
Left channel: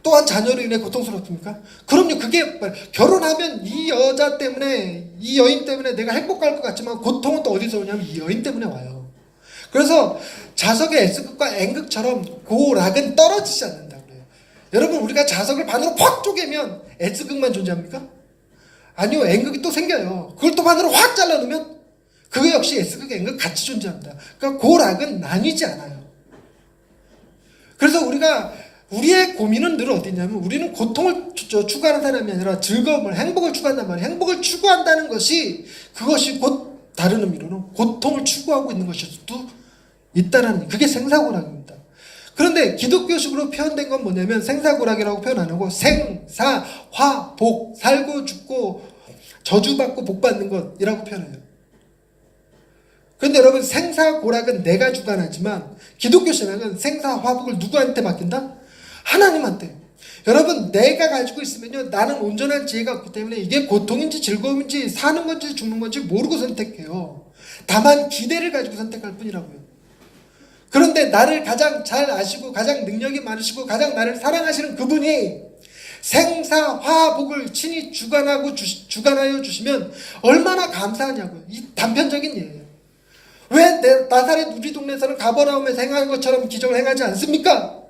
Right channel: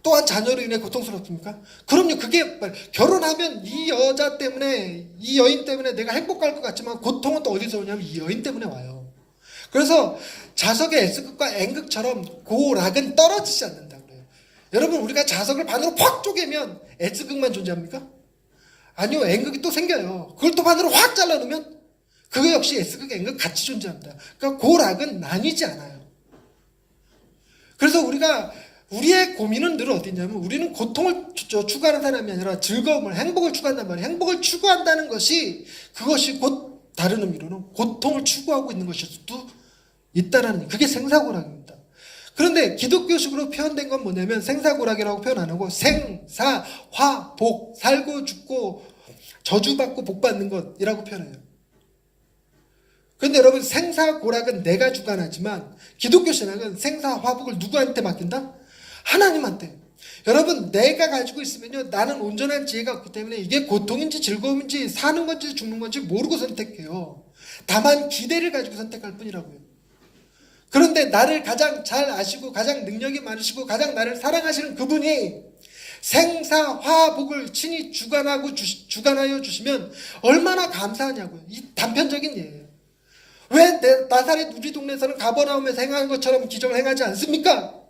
또한 자녀로 인해 고통스럽습니까? 그럼요. 그게 결혼하면 이 여자 때문에, 이 여인 때문에 내가 행복할 것 같지만 고통은 또 어디서 오냐면 이 여인 때문에 와요. 그래서 자석의 S극과 N극처럼 고락은 떨어지지 않는다고 그래요. 여러분 우리가 자석을 반으로 팍 쪼개면 S극만 존재합니까? 아니요. N극이 또 생겨요. 그걸 또 반으로 확 잘라놓으면 그거 역시 S극, N극 같이 존재합니다. 그러니까 고락은 나뉘지 않아요. 그래서 우리의 고민은 늘 어디 있냐면 우리는 고통을 추구하는 사람이 아니라 즐거움을, 행복을 추구한단 말이에요. 행복을 추구한다는 것이 그것이 곧 다른 의미로는 고통을 추구하고 있는 것일 수도 있다는, 그게 생사고락입니다. 그런데 기독교식으로 표현된 건 뭐냐면 생사고락이라고 표현 안 하고 생사, 화, 복, 살고 죽고 저주받고 복받는 것이라고 표현해요. 그런데 여러분 생사고락은 내가 주관하지만 기독교 신앙은 생사, 화복을 누구한테 맡긴다? 하나님한테. 여러분 내가 가지고 있으면요 나는 온전한 지혜가 없기 때문에 이게 고통인지 즐거움인지 사는 건지 죽는 건지 모르고 선택해요. 다만 기대를 가지고 선택할 뿐이라고요. 그런데 나를 가장 잘 아시고 가장 능력이 많으시고 가장 나를 사랑하시는 그분이 생사화복을 친히 주관하여 주시면 얼마나 감사하냐고요. 이 단편적인 예예요. 왜 나사렛 우리 동네에서는 가버나움에서 행한 것처럼 기적을 행하지 않습니까?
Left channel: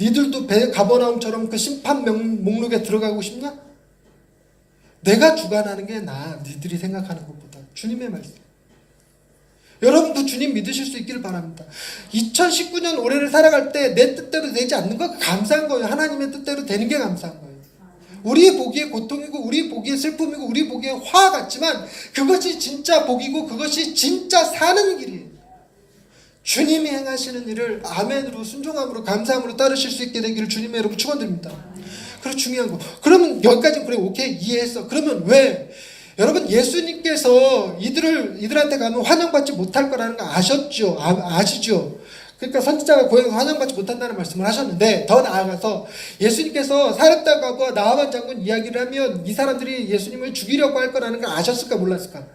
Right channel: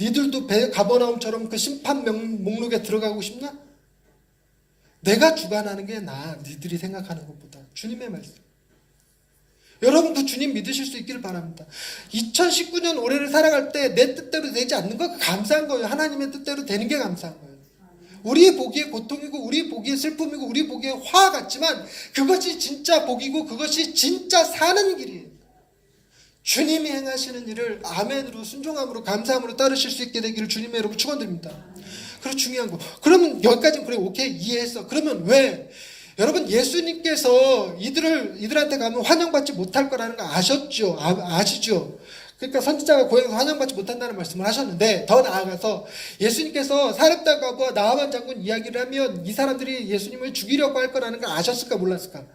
니들도 가버나움처럼 그 심판 목록에 들어가고 싶냐? 내가 주관하는 게 나아. 니들이 생각하는 것보다. 주님의 말씀. 여러분도 주님 믿으실 수 있기를 바랍니다. 2019년 올해를 살아갈 때 내 뜻대로 되지 않는 거 감사한 거예요. 하나님의 뜻대로 되는 게 감사한 거예요. 우리 보기에 고통이고 우리 보기에 슬픔이고 우리 보기에 화 같지만 그것이 진짜 복이고 그것이 진짜 사는 길이에요. 주님이 행하시는 일을 아멘으로 순종함으로 감사함으로 따르실 수 있게 되기를 주님의 여러분 축원드립니다. 그리고 중요한 거. 그러면 여기까지는 그래 오케이 이해했어. 그러면 왜? 여러분 예수님께서 이들한테 가면 환영받지 못할 거라는 거 아셨죠? 아시죠? 그러니까 선지자가 고향에서 환영받지 못한다는 말씀을 하셨는데 더 나아가서 예수님께서 사렙다가와 나하만 장군 이야기를 하면 이 사람들이 예수님을 죽이려고 할 거라는 걸 아셨을까 몰랐을까?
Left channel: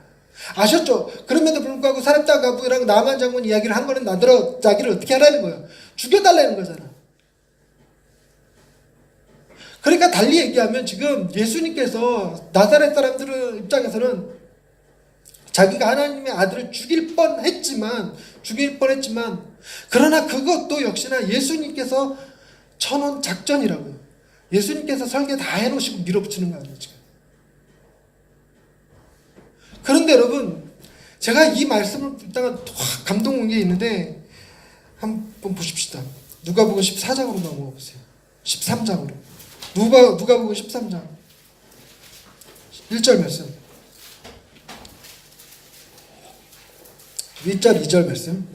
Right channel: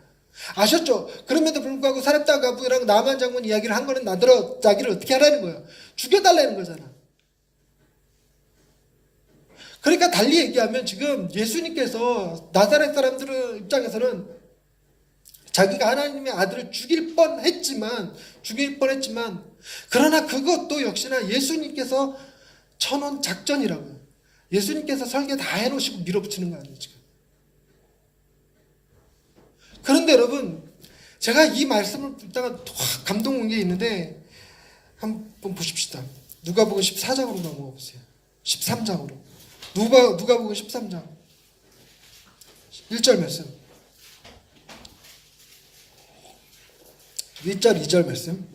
아셨죠? 그럼에도 불구하고 사렙다가부랑 나하만 장군 이야기를 한 거는 나더러 자기를 어떻게 하라는 거예요? 죽여달라는 거잖아. 그러니까 달리 얘기하면 지금 예수님께서 나사렛 사람들 입장에서는 자기가 하나님의 아들을 죽일 뻔했지만 그러나 그것도 역시나 예수님께서 쳐놓은 작전이라고요. 예수님께서 설계 다 해놓으시고 밀어붙이는 거 아니에요 지금. 그런데 여러분 제가 이 말씀을 듣다가 확 감동 온 게 있는데 한번 보십시다. 누가복음 14장으로 넘어가 보세요. 13장으로. 누가복음 13장 1절 말씀 1절 2절 말씀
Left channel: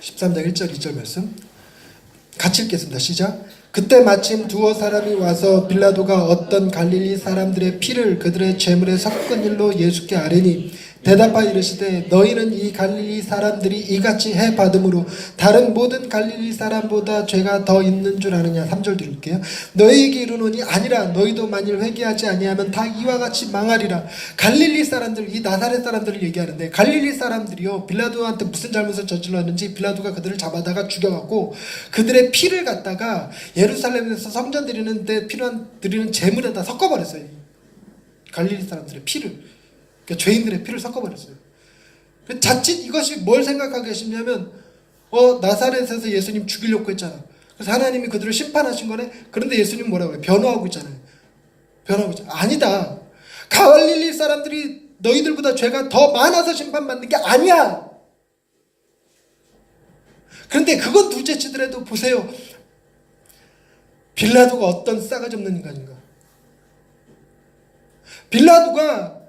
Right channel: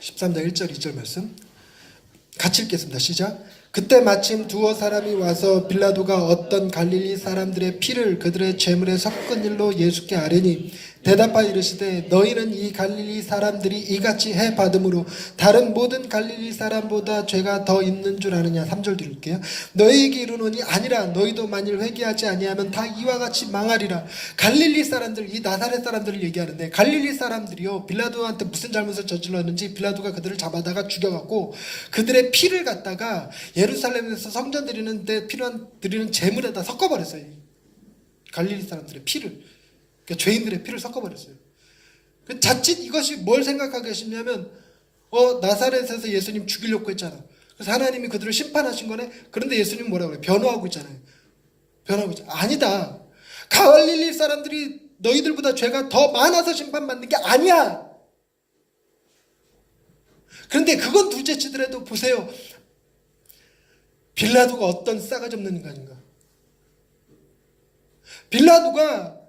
13장 1절 2절 말씀 같이 읽겠습니다. 시작. 그때 마침 두어 사람이 와서 빌라도가 어떤 갈릴리 사람들의 피를 그들의 제물에 섞은 일로 예수께 아뢰니 대답하여 이르시되 너희는 이 갈릴리 사람들이 이같이 해받음으로 다른 모든 갈릴리 사람보다 죄가 더 있는 줄 아느냐. 3절 드릴게요. 너희에게 이르노니 아니라 너희도 만일 회개하지 아니하면 다 이와 같이 망하리라. 갈릴리 사람들, 이 나사렛 사람들을 얘기하는데 갈릴리 사람들이요 빌라도한테 무슨 잘못을 저질렀는지 빌라도가 그들을 잡아다가 죽여갖고 그들의 피를 갖다가 예루살렘에서 성전 드리는데 드리는 제물에다 섞어버렸어요. 갈릴리 사람들의 피를. 그러니까 죄인들의 피를 섞어버렸어요. 자칫 이것이 뭘 생각하고 계시냐면 나사렛에서 예수님 죽이려고 했잖아. 그래서 하나님이 그들을 심판하신 거네. 그런데 예수님 뭐라고 해요? 변호하고 있잖아요. 아니다. 갈릴리 사람들이 너희들보다 죄가 더 많아서 심판받는 게 아니야. 그런데 그건 둘째치더라도 보세요. 빌라도가 어떤 싸가지 없는 인간인가. 빌라도가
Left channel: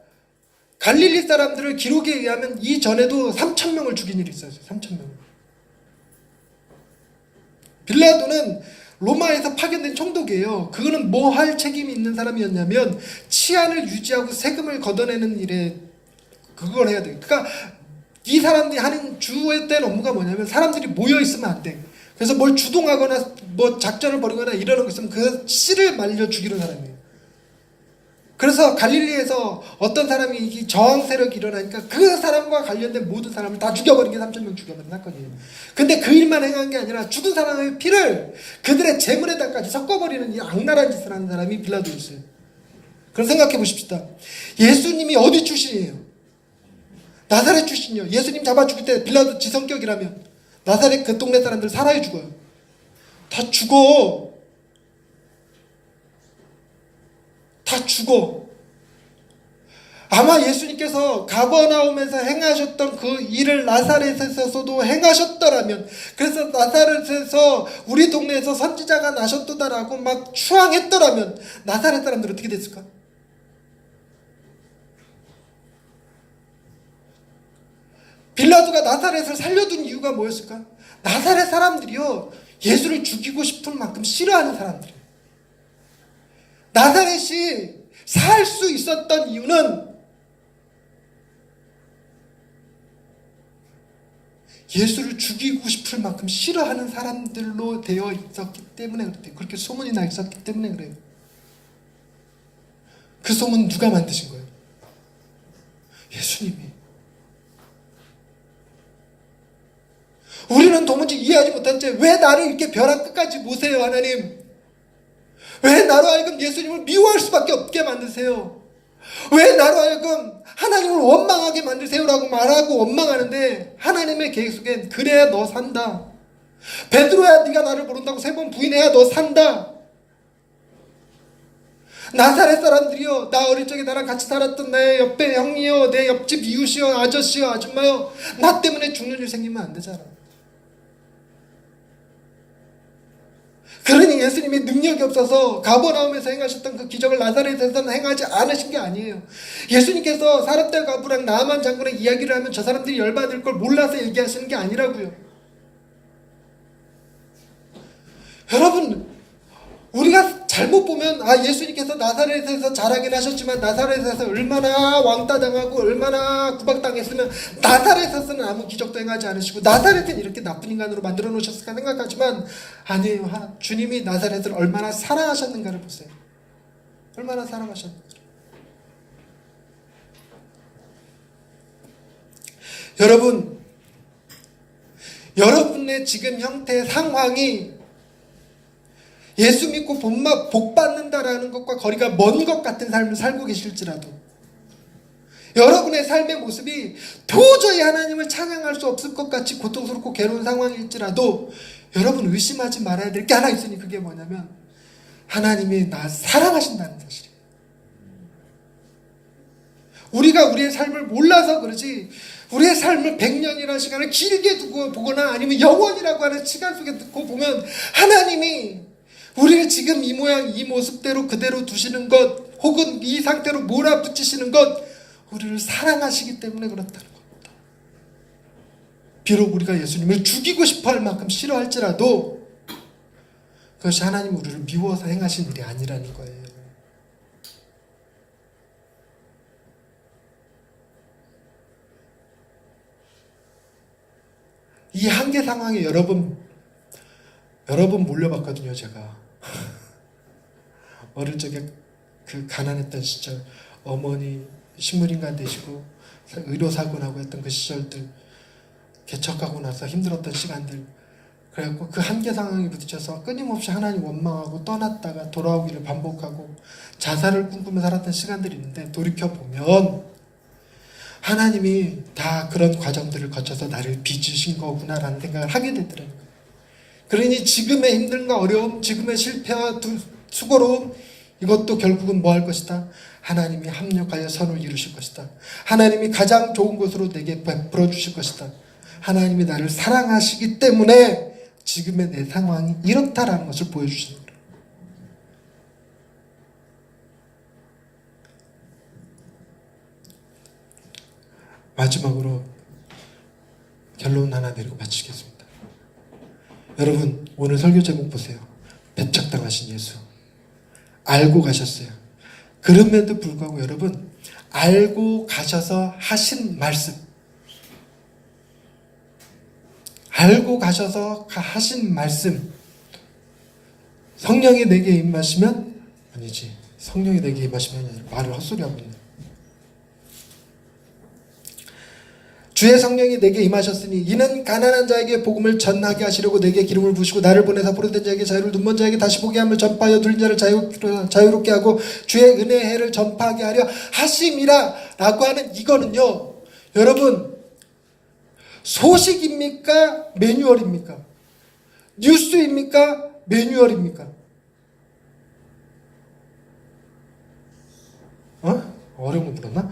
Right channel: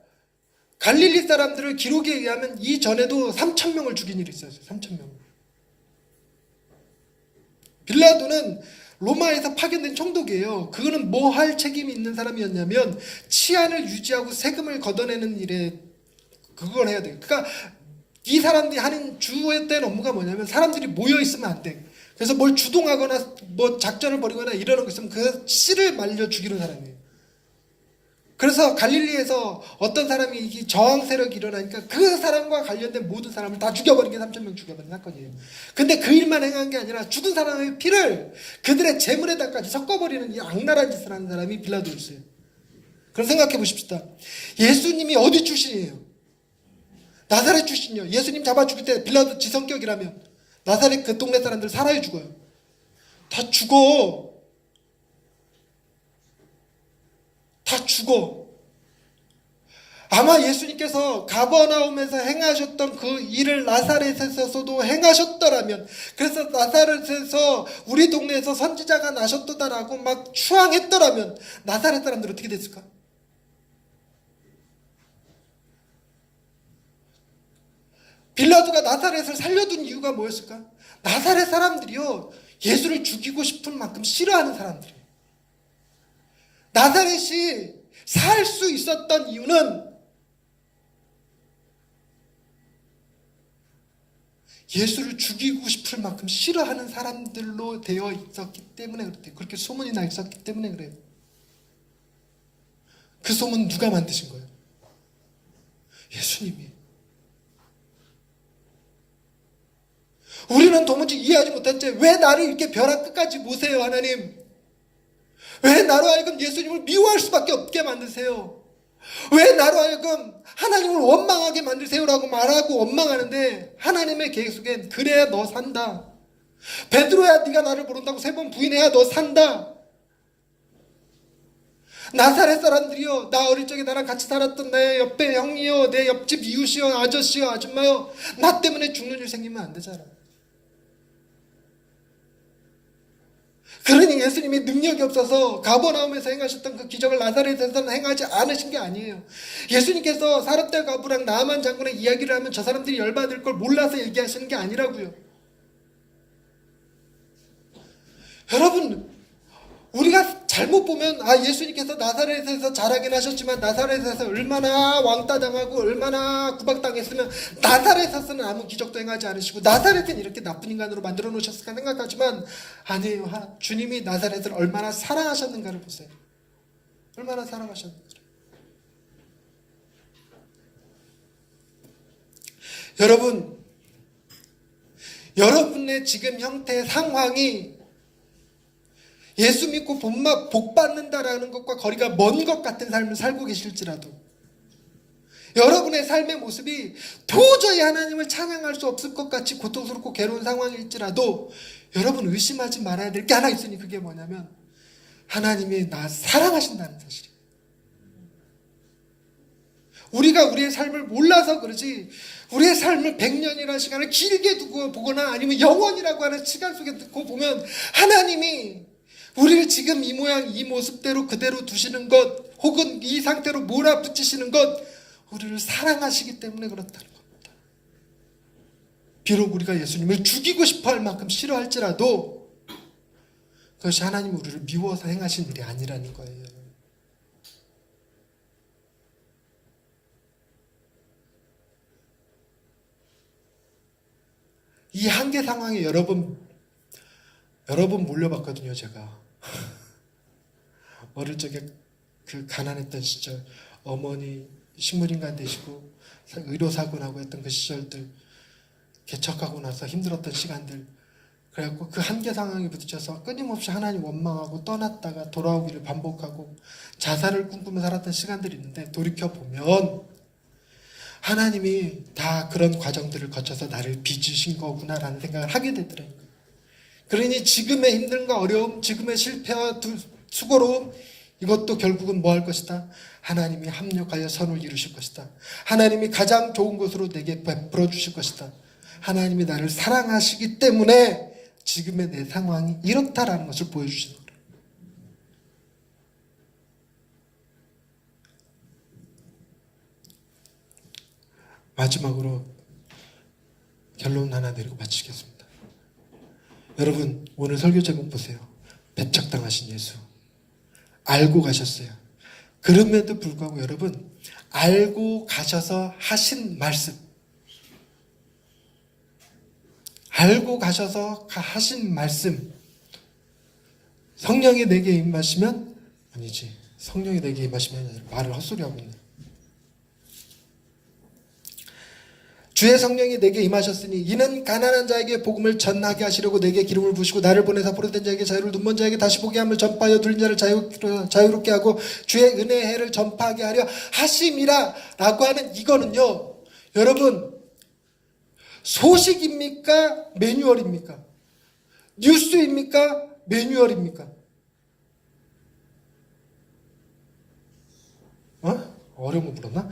갈릴리 사람들을 기록에 의하면 이전에도 3,000명을 죽인 일이 있었어요. 3,000명. 빌라도는 로마에서 파견된 총독이에요. 그거는 뭐 할 책임이 있는 사람이었냐면 치안을 유지하고 세금을 걷어내는 일에 그걸 해야 돼요. 그러니까 이 사람들이 하는 주된 업무가 뭐냐면 사람들이 모여 있으면 안 돼. 그래서 뭘 주동하거나 뭐 작전을 벌이거나 이러고 있으면 그 씨를 말려 죽이는 사람이에요. 그래서 갈릴리에서 어떤 사람이 저항 세력이 일어나니까 그 사람과 관련된 모든 사람을 다 죽여버린 게 3,000명 죽여버린 사건이에요. 근데 그 일만 행한 게 아니라 죽은 사람의 피를 그들의 재물에다까지 섞어버리는 이 악랄한 짓을 하는 사람이 빌라도였어요. 그럼 생각해 보십시다. 예수님이 어디 출신이에요? 나사렛 출신이요. 예수님 잡아 죽일 때 빌라도 지성격이라면 나사렛 그 동네 사람들 살아야 죽어요. 다 죽어. 다 죽어. 아마 예수님께서 가버나움에서 행하셨던 그 일을 나사렛에서도 행하셨더라면, 그래서 나사렛에서 우리 동네에서 선지자가 나셨도다라고 막 추앙했더라면 나사렛 사람들 어떻게 됐을까? 빌라도가 나사렛을 살려둔 이유가 뭐였을까? 나사렛 사람들이요 예수를 죽이고 싶은 만큼 싫어하는 사람들이에요. 나사렛이 살 수 있었던 이유는 예수를 죽이고 싶을 만큼 싫어하는 사람들로 되어 있었기 때문에 그래요. 그렇게 소문이 나 있었기 때문에 그래요. 그 소문 누가 만드신 거예요? 예수님이. 우리는 도무지 이해하지 못한 채 왜 나를 이렇게 벼랑 끝까지 모세요 하나님? 왜 나로 하여금 예수님을 미워할 수밖에 없게 만드세요? 왜 나로 하여금 하나님을 원망하게 만드세요라고 말하고 원망하는데 하나님의 계획 속엔 그래야 너 산다. 베드로야 네가 나를 모른다고 3번 부인해야 너 산다. 나사렛 사람들이요, 나 어릴 적에 나랑 같이 살았던 내 옆에 형이요, 내 옆집 이웃이요, 아저씨요, 아줌마요, 나 때문에 죽는 일 생기면 안 되잖아. 그러니 예수님이 능력이 없어서 가버나움에서 행하셨던 그 기적을 나사렛에서는 행하지 않으신 게 아니에요. 예수님께서 사렙과 가부랑 나아만 장군의 이야기를 하면 저 사람들이 열받을 걸 몰라서 얘기하시는 게 아니라고요. 여러분, 우리가 잘못 보면 예수님께서 나사렛에서 자라긴 하셨지만 나사렛에서 얼마나 왕따당하고 얼마나 구박당했으면 나사렛에서는 아무 기적도 행하지 않으시고 나사렛은 이렇게 나쁜 인간으로 만들어 놓으셨을까 생각하지만 아니에요. 주님이 나사렛을 얼마나 사랑하셨는가를 보세요. 얼마나 사랑하셨는가. 여러분, 여러분의 지금 형태의 상황이 예수 믿고 복 받는다라는 것과 거리가 먼 것 같은 삶을 살고 계실지라도 여러분의 삶의 모습이 도저히 하나님을 찬양할 수 없을 것 같이 고통스럽고 괴로운 상황일지라도 여러분 의심하지 말아야 될 게 하나 있으니 그게 뭐냐면 하나님이 나 사랑하신다는 사실이에요. 우리가 우리의 삶을 몰라서 그러지 우리의 삶을 100년이라는 시간을 길게 두고 보거나 아니면 영원이라고 하는 시간 속에 두고 보면 하나님이 우리를 지금 이 모양 이 모습대로 그대로 두시는 것 혹은 이 상태로 몰아붙이시는 것 우리를 사랑하시기 때문에 그렇다는 겁니다. 비록 우리가 예수님을 죽이고 싶어 할 만큼 싫어할지라도 그것이 하나님 우리를 미워서 행하신 일이 아니라는 거예요. 이 한계 상황에 여러 번 몰려봤거든요. 제가 어릴 적에 그 가난했던 시절 어머니 식물인간 되시고 의료사고 나고 했던 그 시절들 개척하고 나서 힘들었던 시간들 그래갖고 그 한계 상황에 부딪혀서 끊임없이 하나님 원망하고 떠났다가 돌아오기를 반복하고 자살을 꿈꾸며 살았던 시간들이 있는데 돌이켜보면 하나님이 다 그런 과정들을 거쳐서 나를 빚으신 거구나라는 생각을 하게 되더라고요. 그러니 지금의 힘듦과 어려움, 지금의 실패와 수고로움 이것도 결국은 뭐 할 것이다? 하나님이 합력하여 선을 이루실 것이다. 하나님이 가장 좋은 것으로 내게 베풀어 주실 것이다. 하나님이 나를 사랑하시기 때문에 지금의 내 상황이 이렇다라는 것을 보여주시는 거예요. 마지막으로 결론 하나 내리고 마치겠습니다. 여러분 오늘 설교 제목 보세요. 배척당하신 예수. 알고 가셨어요. 그럼에도 불구하고 여러분 알고 가셔서 하신 말씀, 알고 가셔서 하신 말씀, 성령이 내게 임하시면 아니지, 성령이 내게 임하시면 아니라 말을 헛소리하고 있네. 주의 성령이 내게 임하셨으니 이는 가난한 자에게 복음을 전하게 하시려고 내게 기름을 부으시고 나를 보내사 포로된 자에게 자유를 눈먼 자에게 다시 보게 함을 전파하여 눌린 자를 자유롭게 하고 주의 은혜의 해를 전파하게 하려 하심이라 라고 하는 이거는요 여러분 소식입니까? 매뉴얼입니까? 뉴스입니까? 매뉴얼입니까? 어려운 거 물었나?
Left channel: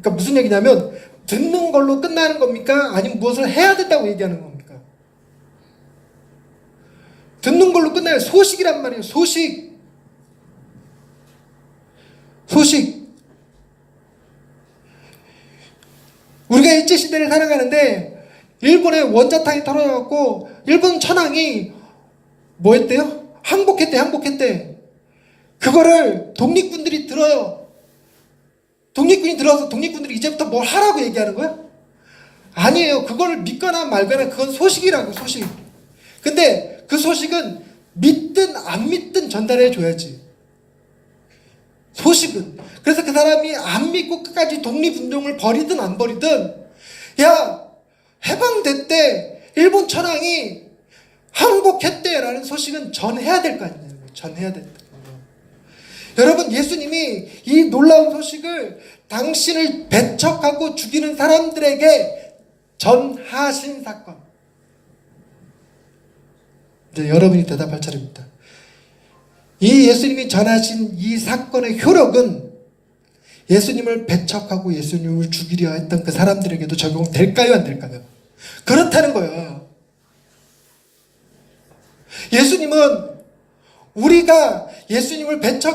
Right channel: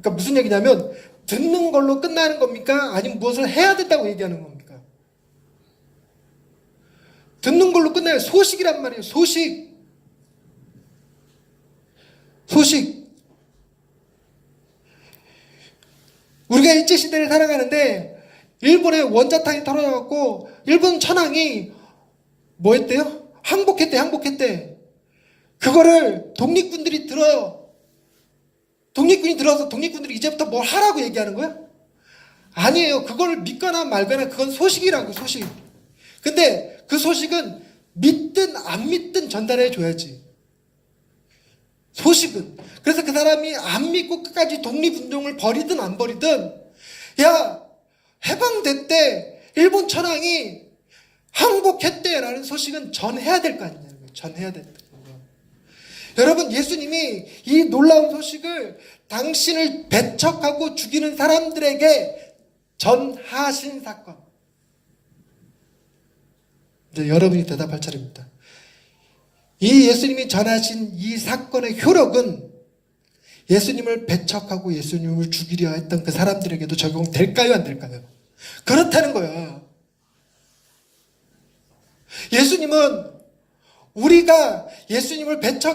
그러니까 무슨 얘기냐면 듣는 걸로 끝나는 겁니까? 아니면 무엇을 해야 된다고 얘기하는 겁니까? 듣는 걸로 끝나요. 소식이란 말이에요. 소식. 우리가 일제시대를 살아가는데 일본의 원자탄이 터져갖고 일본 천황이 뭐 했대요? 항복했대. 그거를 독립군들이 들어요. 독립군이 들어와서 독립군들이 이제부터 뭘 하라고 얘기하는 거야? 아니에요. 그걸 믿거나 말거나 그건 소식이라고, 소식. 근데 그 소식은 믿든 안 믿든 전달해 줘야지. 소식은. 그래서 그 사람이 안 믿고 끝까지 독립운동을 벌이든 안 벌이든 야 해방됐대. 일본 천황이 항복했대라는 소식은 전해야 될 거 아니냐는 거예요. 전해야 된다. 여러분 예수님이 이 놀라운 소식을 당신을 배척하고 죽이는 사람들에게 전하신 사건. 이제 여러분이 대답할 차례입니다. 이 예수님이 전하신 이 사건의 효력은 예수님을 배척하고 예수님을 죽이려 했던 그 사람들에게도 적용될까요, 안 될까요? 그렇다는 거예요. 예수님은 우리가 예수님을 배척